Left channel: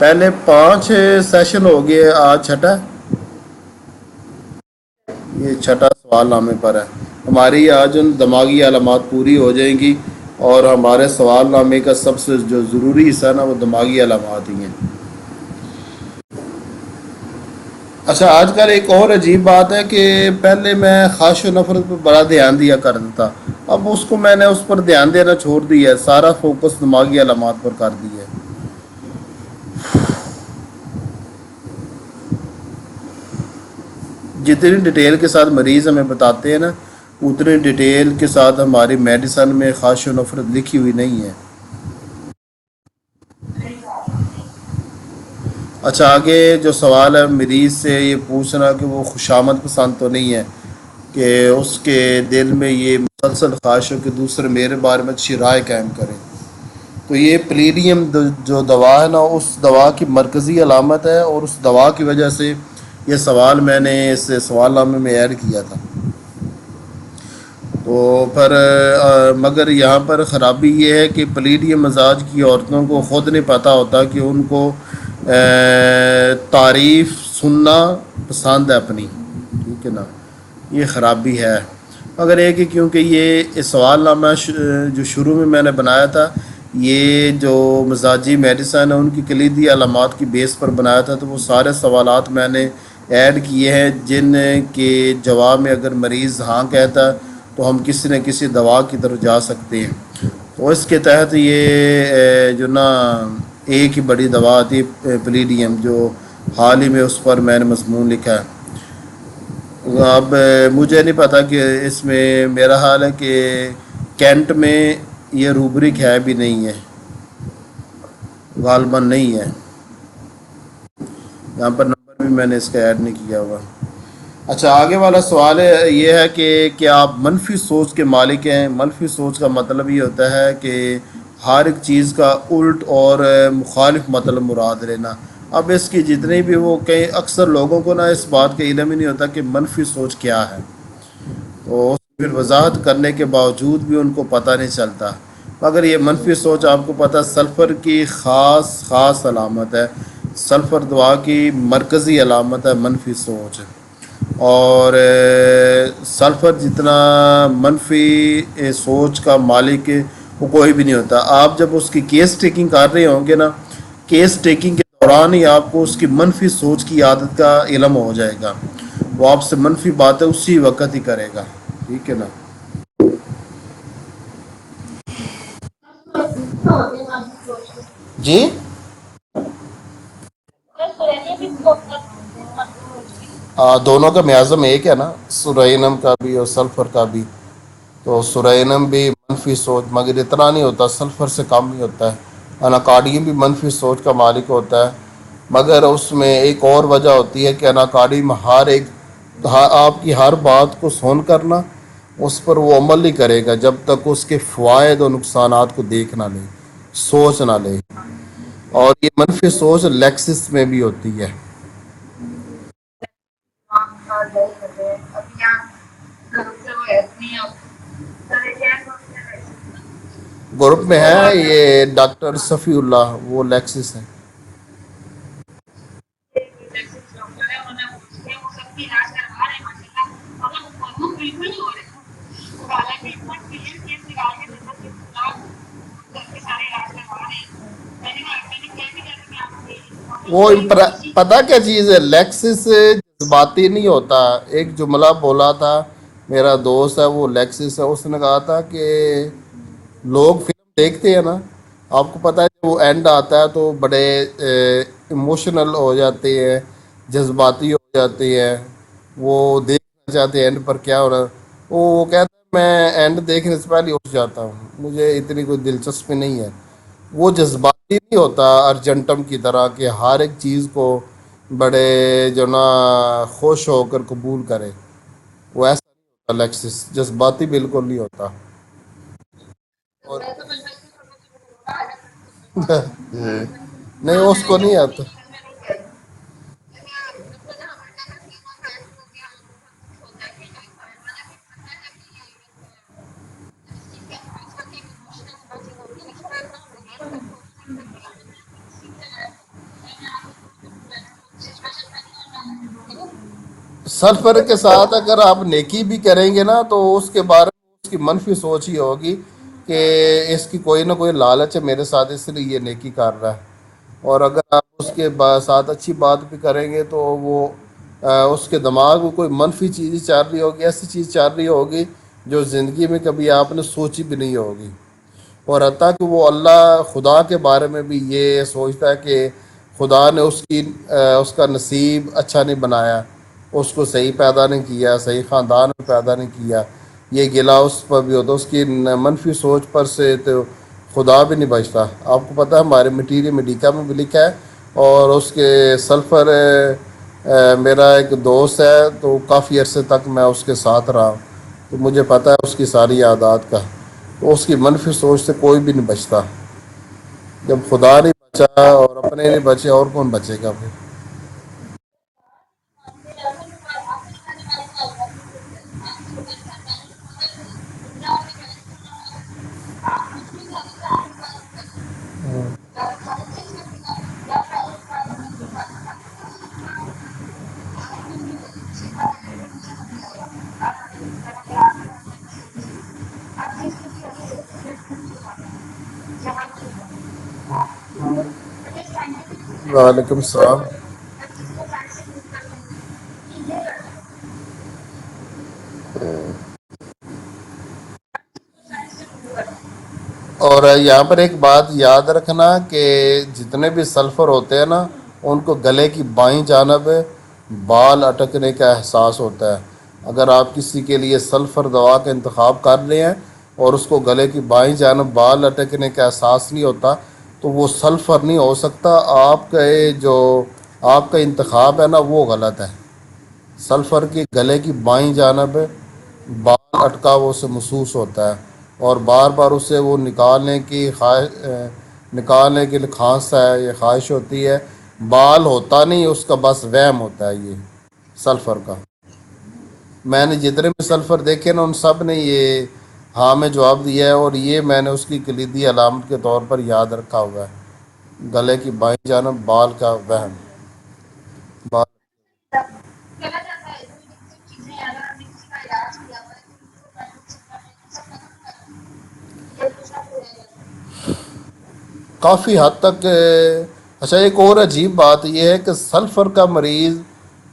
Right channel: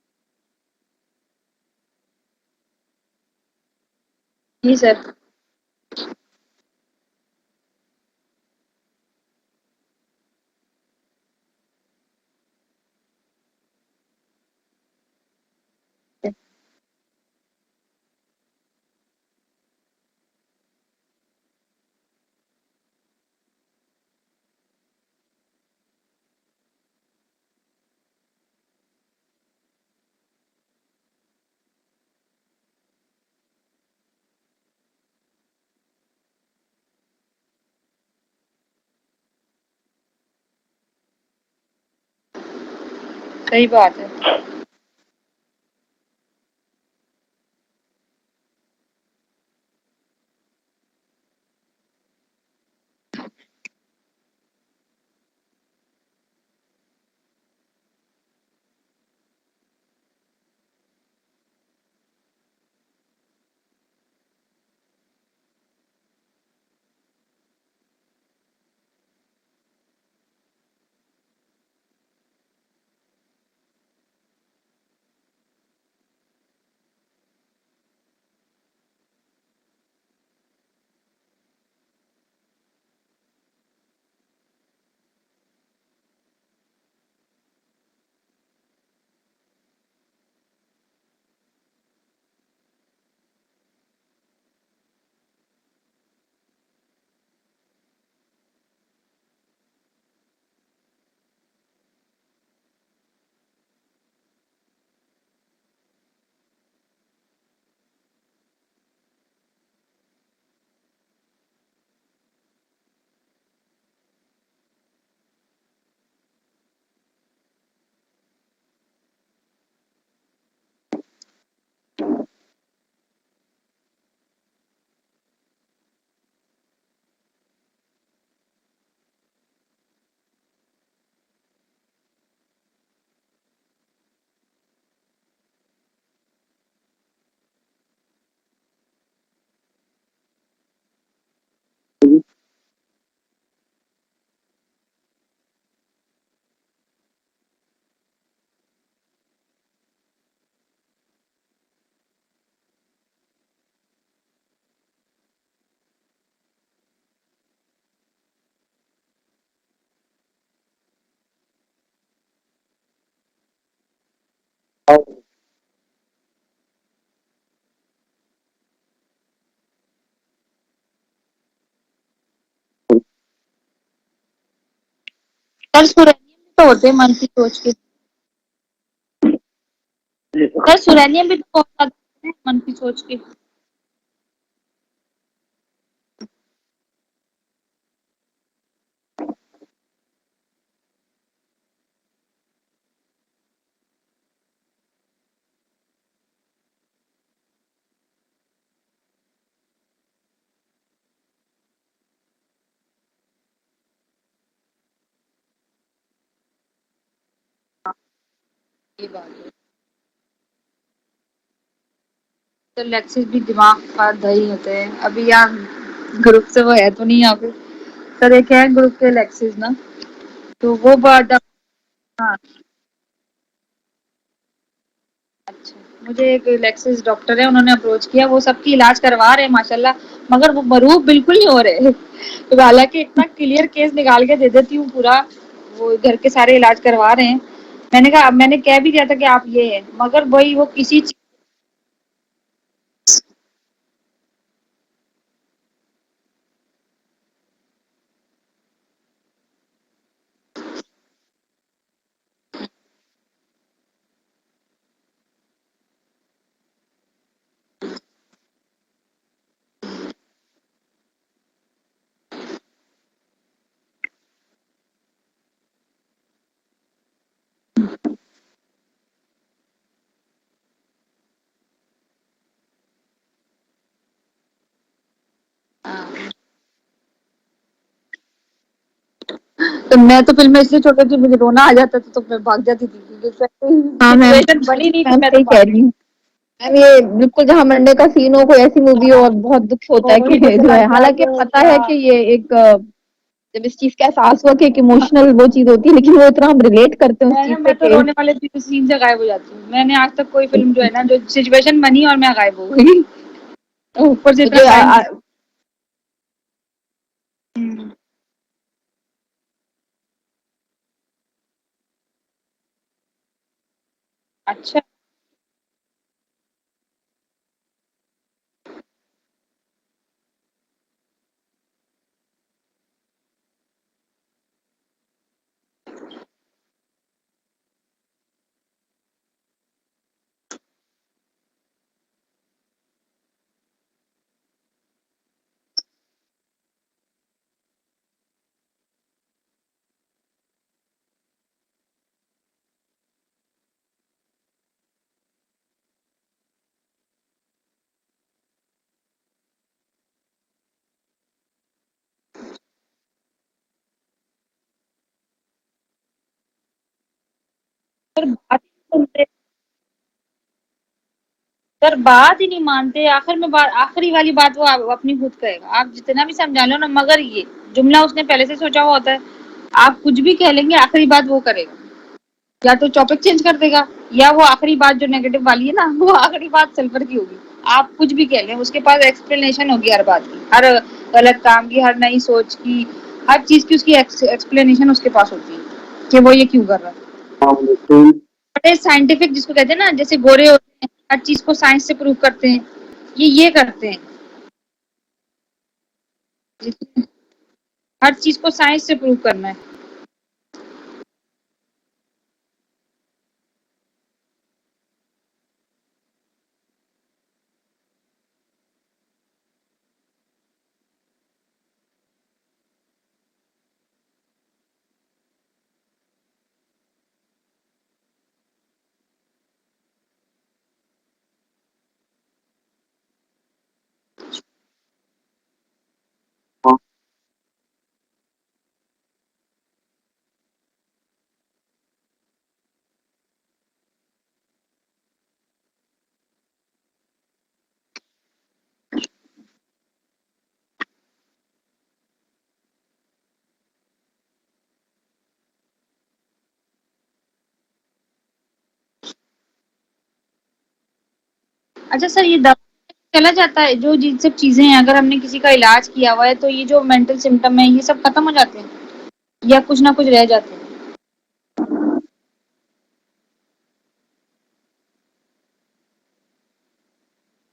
پہلے 5 سیشن ہو گئے، آج چھٹا جی سر۔ یہ چھٹا سوال نامے پر ہے ہماری۔ آج ان دماغی علامات پوری ہو جائیں گی، اور ہمارے سوال نامے کا سب سے جو ضروری حصہ ہے نا، وہ دماغی علامات ہی ہیں۔ اچھا، آج کل ایک اور عجیب بات ہے کہ پہلے میں خواہش و نفرت پہ بڑا دھیان دیا کرتا تھا، اب اس کو میں نے اس پر دھیان دینا چھوڑ دیا ہے، سارا فوکس دماغی علامات پر کر دیا ہے۔ جتنی ڈیٹیل کے ساتھ مریض ہمیں بتاتے ہیں نا، اتنی ڈیٹیل کے ساتھ ہماری میڈیسن میں خواہش و نفرت لکھی ہوئی نہیں ہے۔ صحیح بات ہے۔ اچھا، آگے جو سوال ہے مریض سے یہ پوچھنا کہ وہ خوشامد پسند تو نہیں ہے، کہ اس کے دل میں یہ مسلسل خواہش ہو کہ دوسرے میرے بارے میں اچھی رائے قائم کریں۔ تو یہ پلیڈیم جو دوا ہے نا، اس دوا کی مرکزی علامت ہے، اور اس دوا کی وجہ سے یہ سوال میں نے اس سوال نامے میں ایڈ کیا تھا۔ تو پھر مگر یہاں پر خرابی یہ ہے کہ پلیڈیم مزاج کی عورتوں کو خود نہیں پتہ ہوتا کہ ان کو تعریف سننا پسند ہے اپنی، ٹھیک ہے نا، یہ خرابی ہے۔ مگر ایک کہ کیونکہ یہ سوال نامہ جو شروع میں نے بنایا تھا، یہ جو مزاجی میڈیسن ہے ان کی کلیدی علامات کی بیس پر بنایا تھا، تو وہ سارے سوالات میں نے ایڈ کیے ہیں جن کے جواب میں اگر مریض ہاں کہتا ہے تو ہم کسی نہ کسی دوا کی طرف جا سکتے ہیں۔ تو اس کے تحت یہ جو نا ایک ہی بڑی دوا آتی ہے پلیڈیم، جو حال ہی میں اس پر میں نے مضمون لکھا ہے۔ اب مجھے نہیں پتا کہ اس میں میرا حال ہے کہ کینٹ میں یہ روبرک ہے بھی نہیں ہے، غالباً نہیں ہے، یہاں پر نام بھی میں نے اس کا ایڈ نہیں کیا ہوا۔ اچھا، آگے والا سوال یہ ہے کہ کیا آپ منفی سوچ کے مالک ہیں؟ منفی سوچ کا مطلب یہ ہوتا ہے کہ ہر ایک چیز کا الٹ اور مخالف مطلب مراد لینا۔ اب اس کی جتنی بھی وہ کئی اکثر لوگوں کو نا اس بات کا علم ہی نہیں ہوتا کہ منفی سوچ کیا ہے، تو پھر وضاحت کرنے کے باوجود بھی ان کو پتہ نہیں چلتا۔ مگر یہ منفی سوچ آپ کو پتہ سلفر کی خاص علامت ہے، سلفر دعا کی مرکزی علامت ہے منفی سوچ، اور سلفر جتنا منفی سوچ کا مالک وہ کوئی بھی نہیں ہوتا۔ آپ جب اس کی کیس ٹیکنگ کر رہے ہوں گے نا، کیس ٹیکنگ کے دوران ہی آپ کو اس کی منفی سوچ کی عادت کا علم ہو جائے گا، وہ آپ سے منفی باتیں اسی وقت ہی کرے گا، ٹھیک ہے نا۔ سر سورج تو ہوتے ہیں منفی سوچ کے، جی، سر سورینیم بھی تو منفی سوچ کے۔ دونوں کا میازم ایک ہے نا، سورینم کا بھی اور سلفر کا بھی۔ تو سورینم بھی منفی سوچ مگر اتنا نہیں ہوتا، سلفر سے کم ہی ہوتا ہے۔ اناکارڈیم بھی منفی سوچ کا مالک ہوتا ہے، مگر اس میں ایک اور وجہ ہوتی ہے کہ اناکارڈیم آپ کی ہر بات کو سن کرنا اس پر وہ عمل نہیں کرے گا جب تک اس کے فوائد اور نقصانات کو دیکھ نہ لے، سوچ نہ لے۔ اور یہ منفی سوچ لیکسس میں بھی ہوتی ہے۔ تو لیکسس بھی دماغ کا دہی ہوتے ہیں، ابھی یہاں گروپ سے وہ ہے تو نہیں آپ سر، ایک ہے گروپ کے لیکسس نا، تو گروپ وہ میں بار ہے بار یہ ہاں۔ ڈاکٹر صفی اللہ، وہ لیکسس ہے۔ اچھا، مجھے ایک لیکسس ڈاکٹر ہے، انہوں نے اپروچ کیا، وہ سب کی علاج کروا رہے ہیں ماشاءاللہ، مگر وہ مروب بالکل نہیں ہو رہے۔ تو حالانکہ اتنا کلیئر کیس نکال کے دے دیتی ہوں پورا، وہ گھر کے سارے علاج کروا رہے ہیں۔ میں نے کہا، میں نے کہہ بھی دیا تھا کہ آپ یہ ہیں، مگر وہی وہ کسی پتا کیا چیز ہے، لیکسس جذباتی نہیں ہوتا۔ ایک جملہ بولا تھا میرا دوست ہے، وہ لیکسس ہے، اس نے کہا تھا کہ لوگ پھر دیکھتے ہیں نا، آپ کو پتہ ہے وہ اینڈ آتا ہے تو بڑے ایموشنل ہو جاتے ہیں، جذباتی ہو جاتے ہیں، وہ دیکھ جاتے ہیں اینڈ پر کیا ہو رہا ہے۔ وہ کہتے ہیں میں اینڈ دیکھنے سے پہلے اٹھ جاتا ہوں، مجھے اتنی کوئی دلچسپی نہیں ہے۔ وہ جذباتی نہیں ہوتا ارجنٹم کی طرح کہ ہر ایک چیز کو بڑے جو نا خوش ہو کر قبول کرے، وہ ایسا لیکسس جذباتی بالکل نہیں ہوتا۔ تو میں تو فلم اس لیے چھوٹی تھی، مجھے رونا آ جاتا تھا تو میں بھاگ جاتی تھی۔ ہاں، نہیں، اس کو سچویشن نہیں بنی آتا۔ نہیں تھی، میں صحیح کہہ رہی ہوں میم، یہ بالکل جہاں مرنے کا سین ہو، کوئی ایسی مووی ہو اور بہت دکھ ہوتا ہے کہ جو ہے، حالانکہ پتہ ہے کہ یہ ایک جب اس چیز کا احساس ہوا کہ ایک ایموشنل وہ چیز ہوتی ہے، لیکن وہ اتنا ہم ریلیٹ کرتے ہیں اس چیز میں سے تو کہ رونے والے سین سے غائب ہو جاتی ہوں. میں نے آج تک کوئی فلم جو ہے نا جو سچویشن بنی اور میں غائب ہو گئی. اوپر سلفر سے کے جو ساتھ اگر آپ نیکی بھی کریں گے نا تو اس کے بارے میں اس کی منفی سوچ ہی ہوگی کہ اس کی کوئی نہ کوئی لالچ ہے میرے ساتھ، اس لیے یہ نیکی کر رہا ہے. اور اگر آپ اچھا اس کے ساتھ اچھی بات بھی کریں گے تو وہ اس کے دماغ میں کوئی منفی چیز ہی چل رہی ہوگی، ایسی چیز چل رہی ہوگی جو زندگی میں کبھی آپ نے سوچی بھی نہیں ہوگی. اور حتیٰ کہ وہ اللہ خدا کے بارے میں بھی یہ سوچتا ہے کہ خدا نے اس کا نصیب اچھا نہیں بنایا، اس کو صحیح پیدا نہیں کیا، صحیح خاندان میں پیدا نہیں کیا. یہ گلا اس پر بھی ہوتا، اس کی منفی سوچ پر سے تو خدا بھی نہیں بچتا. آپ کو پتہ ہے ہمارے مٹیری میڈیکا میں بھی لکھا ہے، اور اس کے سلفر میرا ایک دوست ہے تو کافی عرصے تک میں اس کے ساتھ رہا، تو مجھے پتہ ہے اس کی ساری عادات کا. تو اس کی منفی سوچ سے کوئی بھی نہیں بچتا. جب خدا نہیں سر بچا اور اپنے نہیں بچے اور کون بچے گا پھر؟ سر بات ہی نہیں مانتے. آخر میں آخری والی بات وہ اپنی خود کہے گا. آپ جتنا بھی سمجھا لو نا، مگر یہ جملہ اس نے پہلے سے سوچا ہوا ہوتا ہے. آپ کچھ بھی کہہ لیں گے آخری بات وہ کرے گا. یا تو ٹاپک چینج کر دے گا، یا وہ آخری بات جو نیگیٹو والی ہے نا وہ آخری بات سلفر کی ہوگی. آپ کچھ بھی کہہ لیں اس کے پاس ایکسپلینیشن ہوگی ہر بات کی، ہر غلط کام کی، ہر نئی سوچ کی، ہر چیز کی اس کی ایکسپلینیشن اس کے پاس ہوتی ہے کہ وہ یہ کیوں کر رہا ہے. بڑے سائنٹیفک جس کو کہتے ہیں نا، جیسے وعلیکم گورے السلام. ہوتے ہیں ہر چیز کو سائنس سے پروو کرتے ہیں، یہ کرتے ہیں. ہر چیز کو سائنس سے پروو کرنا ہے. اور یہاں پر ایک بات یاد رکھنا کہ جتنے بھی سلفر ہوتے ہیں نا، ان کو گلے کی بائیں جانب بال اٹکنے کا احساس ہوتا ہے. اگر آپ کسی کے لیے سلفر دوا کا انتخاب کر رہے ہیں اور اس کو گلے کی بائیں جانب بال اٹکنے کا احساس نہیں ہوتا تو وہ سلفر نہیں ہو سکتا. آپ کا انتخاب ہے نا وہ غلط ہے. سلفر کی گلے کی بائیں جانب بال اٹکا وہ اسے محسوس ہوتا ہے، اور بار بار اسے وہ نکالنے کے لیے کھانستا ہے، یہ خواہش ہوتی ہے. بال ہوتا نہیں، اس کا بس وہم ہوتا ہے یہ سلفر کا. میں نے جتنے بھی سلفر دیکھے نا ان سب نے یہ ہاں میں جواب دیا ہے، اور یہ میں نے اس کی کلیدی علامت کے طور پر یاد رکھا ہوا ہے. گلے کی بائیں جانب بال کا وہم. اچھا سر، یہ چلا جاتا ہے جو جن سب چیزیں ہیں، اگر ہم نے کسی کا علاج کیا ہوا ہے تو یہ جو مینٹل سمٹم ہے یہ سب ختم ہو جاتے ہیں یا کچھ نہ کچھ رہ جاتے ہیں؟ کافی حد تک. اچھا، ایک اور عجیب بات یہ ہے کہ سلفر کا مریض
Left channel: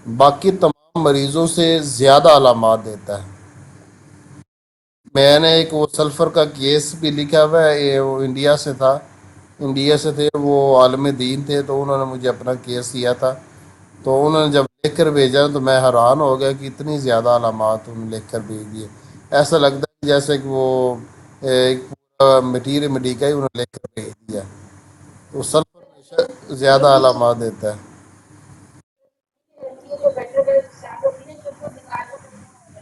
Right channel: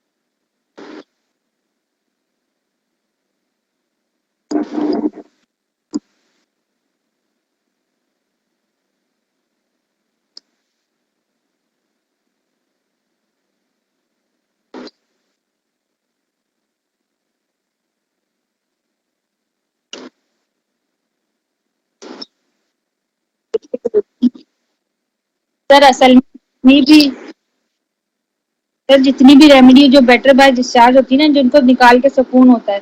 باقی تمام مریضوں سے زیادہ علامات دیتا ہے. میں نے ایک وہ سلفر کا کیس بھی لکھا ہوا ہے، وہ انڈیا سے تھے، وہ عالم دین تھے، تو انہوں نے مجھے اپنا کیس دیا تھا. تو انہوں نے جب لکھ کر بھیجا تو میں حیران ہو گیا کہ اتنی زیادہ علامات انہوں نے لکھ کر بھیج دیے. ایسا لگتا ہے جیسے کہ وہ ایک مٹیریل مڈیکا ہی انہوں نے لے کر بھیج دیا. تو سر اصل سلفر میں زیادہ بھی علامات دیتا ہے. سر جتنی بھی ریمیڈی جو بیٹر بائی ڈسچارج ہوتی ہے نا، جن کو نکال کے سکون ہوتا ہے،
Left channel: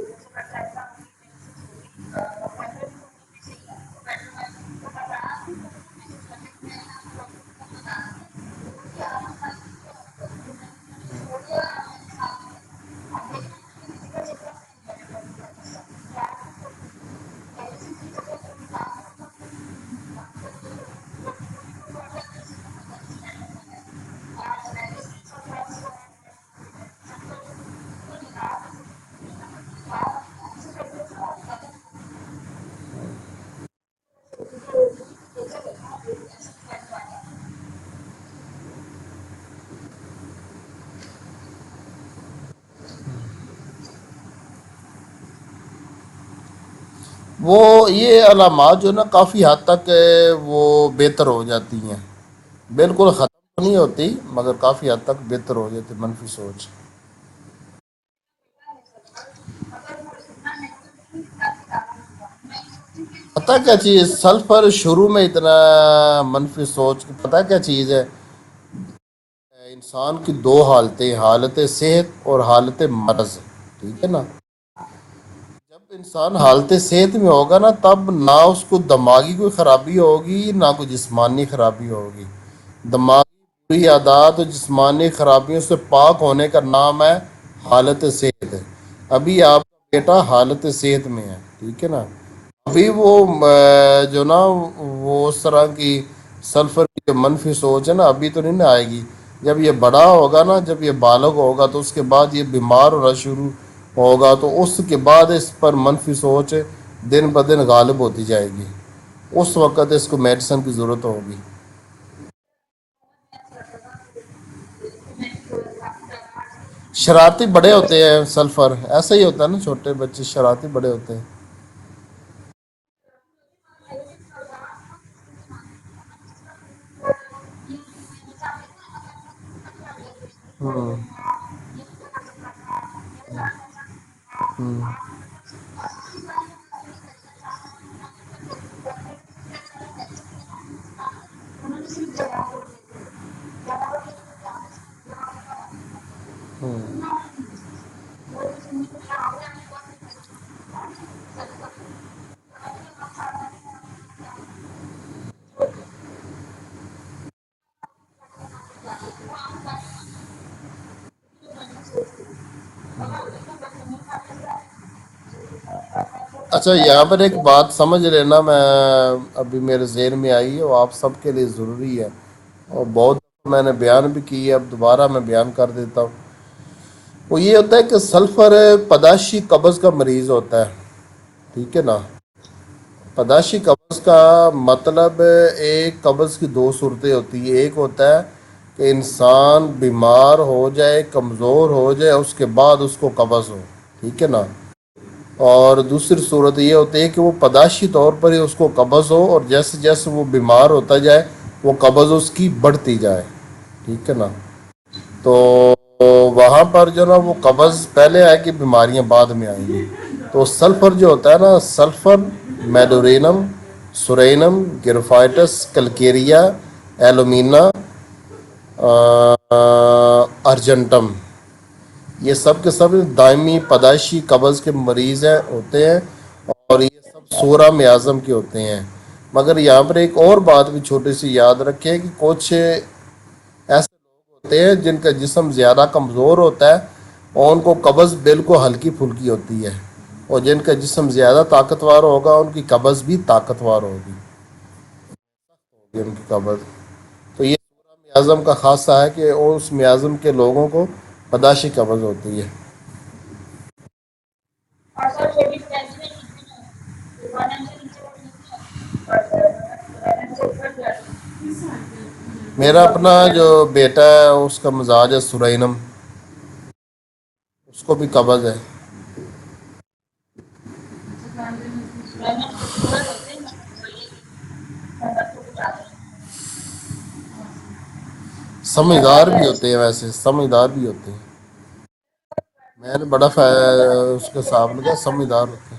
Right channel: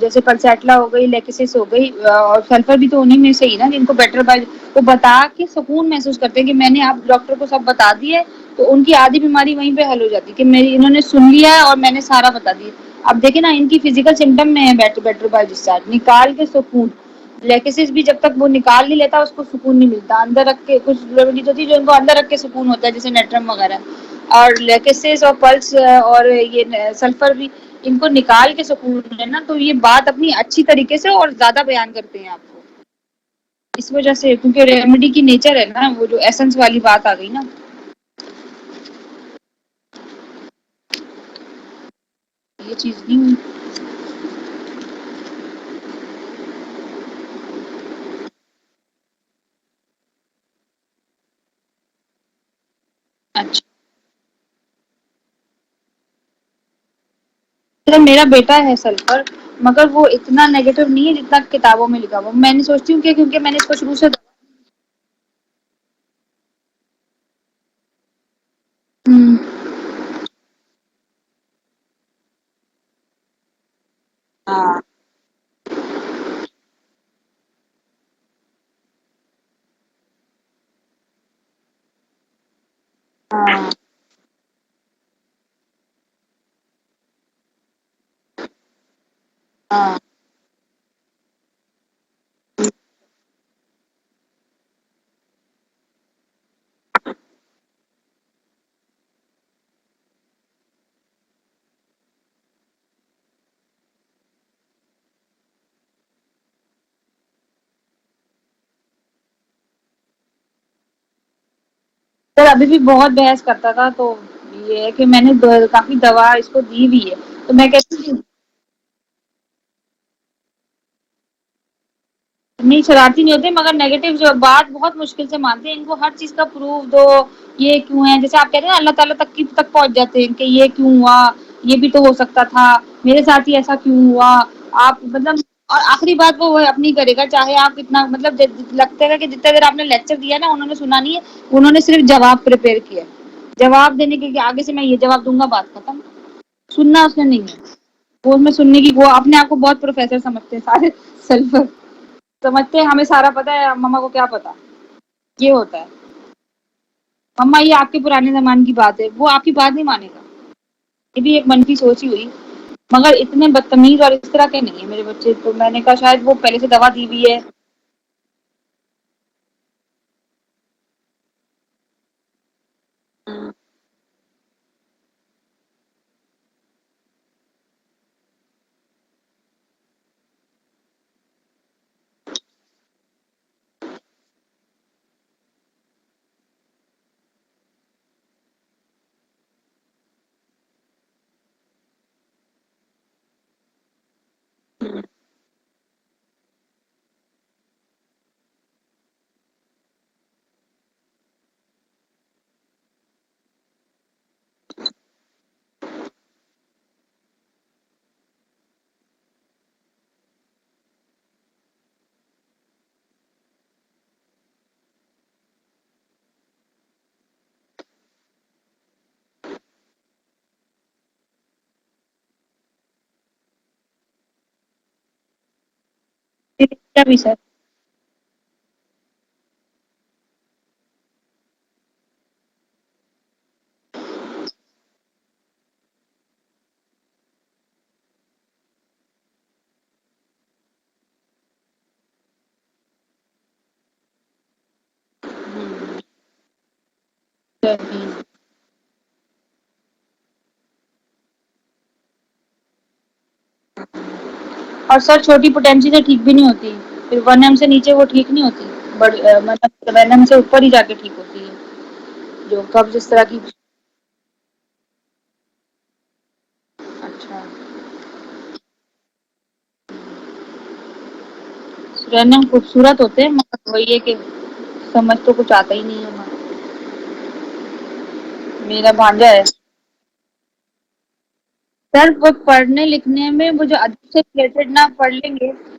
جیسے پلسیٹلا ہو گئی، لیکسس ہو گئی، اور سلفر بھی تو انہیں میں سے ہی نا جن کو بیٹر بائی وہ بتا کے سکون محسوس کرتے ہیں کہ میں نے آپ ڈاکٹر کو سب بتا دی ہے، تو ان کی آدھی بیماری وہیں پہ حل ہو جاتی ہے کہ انہوں نے سن لیا ہے اور میں نے سارا بتا دیا. اب دیکھیں نا، ان کی فزیکل سمٹم میں ہے بیٹر بائی ڈسچارج نکال کے سکون. لیکسس بھی جب تک وہ نکال نہیں لیتا اس کو سکون نہیں ملتا. اندر رکھ کے کچھ ریمیڈیز ہوتی ہے جو ان کو اندر رکھ کے سکون ہوتا ہے، جیسے نیٹرم وغیرہ. اور لیکسس اور پلس اور یہ سلفر بھی ان کو نکال کے سکون ہے نا، تو یہ بات اپنی اچھی طریقے سے اور زیادہ بیان کرتے ہیں آپ کو. اس وجہ سے کیونکہ ریمیڈی کی نیچر ہے نا، وہ جو ایسنس والی بات آ گئی نا. یہ چیز نہیں ہوئی. وہ یہ علامات جو نا کافی حد تک وہ بہتر ہو جاتی ہیں. بالکل ختم اچھا نہیں ہوتی مگر کافی حد تک بہتر ہو جاتی منفی سوچ. سر میرا بیٹا ہے سلفر، مگر وہ اتنا نیگیٹو نہیں ہے جتنا کتابوں میں لکھا ہوا. میں نے سوچتی ہوں کہ کیونکہ میں پتہ نے تو کیا شروع سے چیز سلفر شروع میں اتنا منفی سوچ پتہ کیا چیز ہے کہ انسان کی دو حالتیں، حالت صحت اور حالت مرض. ٹھیک ہے نا؟ ہاں جب انسان حالت صحت میں ہوگا نا تب نہ اس کو دماغی کوئی خرابی ہوگی نہ کوئی جسمانی خرابی ہوگی. دماغی عادات اور جسمانی خرابیوں سے پاک ہونے کا نام ہے حالت صحت. ابھی آپ کا بیٹا حالت صحت میں ہے. ٹھیک ہے نا. ابھی وہ جو نا وہ اس طرح کی سلفر کی جو منفی سوچ ہے نا ابھی تو نہیں نا آئے گی. جب یہ بڑا ہوگا نا، جب یہ بالغ ہوگا تو اس کے بعد یہ بیمار ہونا شروع ہوگا، تو اس کے بعد اس پر منفی سوچ دن بدن غالب ہوتی جائے گی. اس وقت اس کو میڈیسن کی ضرورت ہوگی. سر ابھی بھی بہت بحث کرتا تھا، تو یہ ہے کہ میں نے کافی دوا اس کو دی بھی ہے، شرارتی تو میں بڑے کہتی ہوتے ہوں ہیں سلفر، ایسا ہی ہوتا ہے نا، چھوٹے بچے شرارتی بڑے ہوتے ہیں. نہیں شرارتی نہیں ہوتے، مگر نیگیٹو جو بات بہت مشکل سے مانتے ہیں. ان کو ہر چیز کا پروف دو، یہ کیوں ہے، جیسے آپ کہتے ہیں نا اللہ تعالیٰ تک پہنچ جاتے ہیں کہ یہ کیوں ہوا، یہ بھی تو ہو سکتا تھا، میرے ساتھ ہی ایسا کیوں ہوا. آپ مطلب اور آخری بات وہ اپنی کرے گا، چاہے آپ اتنا مطلب لگتا ہے کہ جتنا دیر آپ نے لیکچر دیا نا انہوں نے سنا نہیں ہے، انہوں نے صرف جواب پریپیئر کیا، جواب دینے کے آگے سے میں یہ جواب دوں گا، بات ختم. سننا اس نے نہیں ہے، وہ میں سننے کی، وہ اپنے آپ کو بہت پروفیسر سمجھتے ہیں سارے سلفر سمجھتے ہیں ہمیں سارا پتا ہے، مما کو کیا پتا. یہ ہوتا ہے مما، یہ آپ کے پرانے زمان کی بات ہے، وہ آپ کی بات نہیں مانے گا. یہ بھی ایک منفی سوچ ہی ہوئی، مگر اتنے بدتمیز اور اس طرح کے نہیں ہیں میرے بچے. تو میں نے کہا شاید وہ پہلے سے اچھا دوا یہاں دی پر ہوئی ایک ہے. بات سمجھ لینا، میں ابھی میرے ذہن میں آئی ہے، وہ آپ سب کے لیے ضروری ہے اور بہت میں نے بیان بھی کی ہے، اب دوبارہ میں بیان کر دیتا ہوں. وہ یہ ہوتا ہے کہ سلفر پداشی قبض کا مریض ہوتا ہے. ٹھیک ہے نا. پداشی قبض کا مطلب ایک قبض کی دو صورتیں ہوتی ہیں. ایک ہوتا ہے کہ انسان بیمار ہو جائے، کمزور ہو جائے، اس کے بعد اس کو قبض ہو. ٹھیک ہے نا. اور دوسری صورت یہ ہوتی ہے کہ وہ پداشی طور پر ہی اس کو قبض ہو، اور جیسے جیسے وہ بیمار ہوتا جائے وہ قبض اس کی بڑھتی جائے. ٹھیک ہے نا. تو وہاں پر جو نا وہ قبض پہلے آئے کہ بیماریاں بعد میں آئیں گی. تو سلفر جو ہوتا ہے نا، سلفر میڈورینم، سورینم، گریفائٹس، کلکیریا، ایلومینا، ارجنٹم، یہ سب کے سب دائمی پیدائشی قبض کے مریض ہوتے ہیں، اور یہ بھی سر سورہ اعظم کے ہوتے ہیں. مگر یہاں پر ایک اور بات بھی چھوٹی سی یاد رکھیں کہ کچھ ایسے ہوتے ہیں جن کا جسم زیادہ کمزور ہوتا ہے اور ان کو قبض بالکل ہلکی پھلکی ہوتی ہے، اور جن کا جسم زیادہ طاقتور ہوگا ان کی قبض بھی طاقتور ہوگی. ان کی قبض تو یہ اعظم کا خاصہ ہے کہ اس میازم کے لوگوں کو پداشی قبض ہوتی ہے. اور سر چھوٹی پوٹینسی سے ٹھیک بھی نہیں ہوتی، پھر 1 m سے نیچے وہ ٹھیک نہیں ہوتی، بٹ مطلب 1 m سے اوپر ہی جا کے ٹھیک ہوتی ہے. جو میرا قبض اس اپنا طرح جو کی. بیٹا ہے اس کا مزاج ہے سرینم، اچھا. اس کو بھی قبض ہے. رہنے خوبصورت ہوتے ہیں، مگر وہی ہے کہ سمجھ تو کچھ آتا ہی نہیں ہے. میرا سمجھدار بھانجا ہے بھی ہوتے ہیں، ویسے سمجھدار بھی ہوتے ہیں. سر، وہ پڑھنے میں نے بڑا لکھنے میں مجھے اچھے اس کے سے سامنے جتنا کا پڑھ لیں سمجھدار گے، ہوتے ہیں.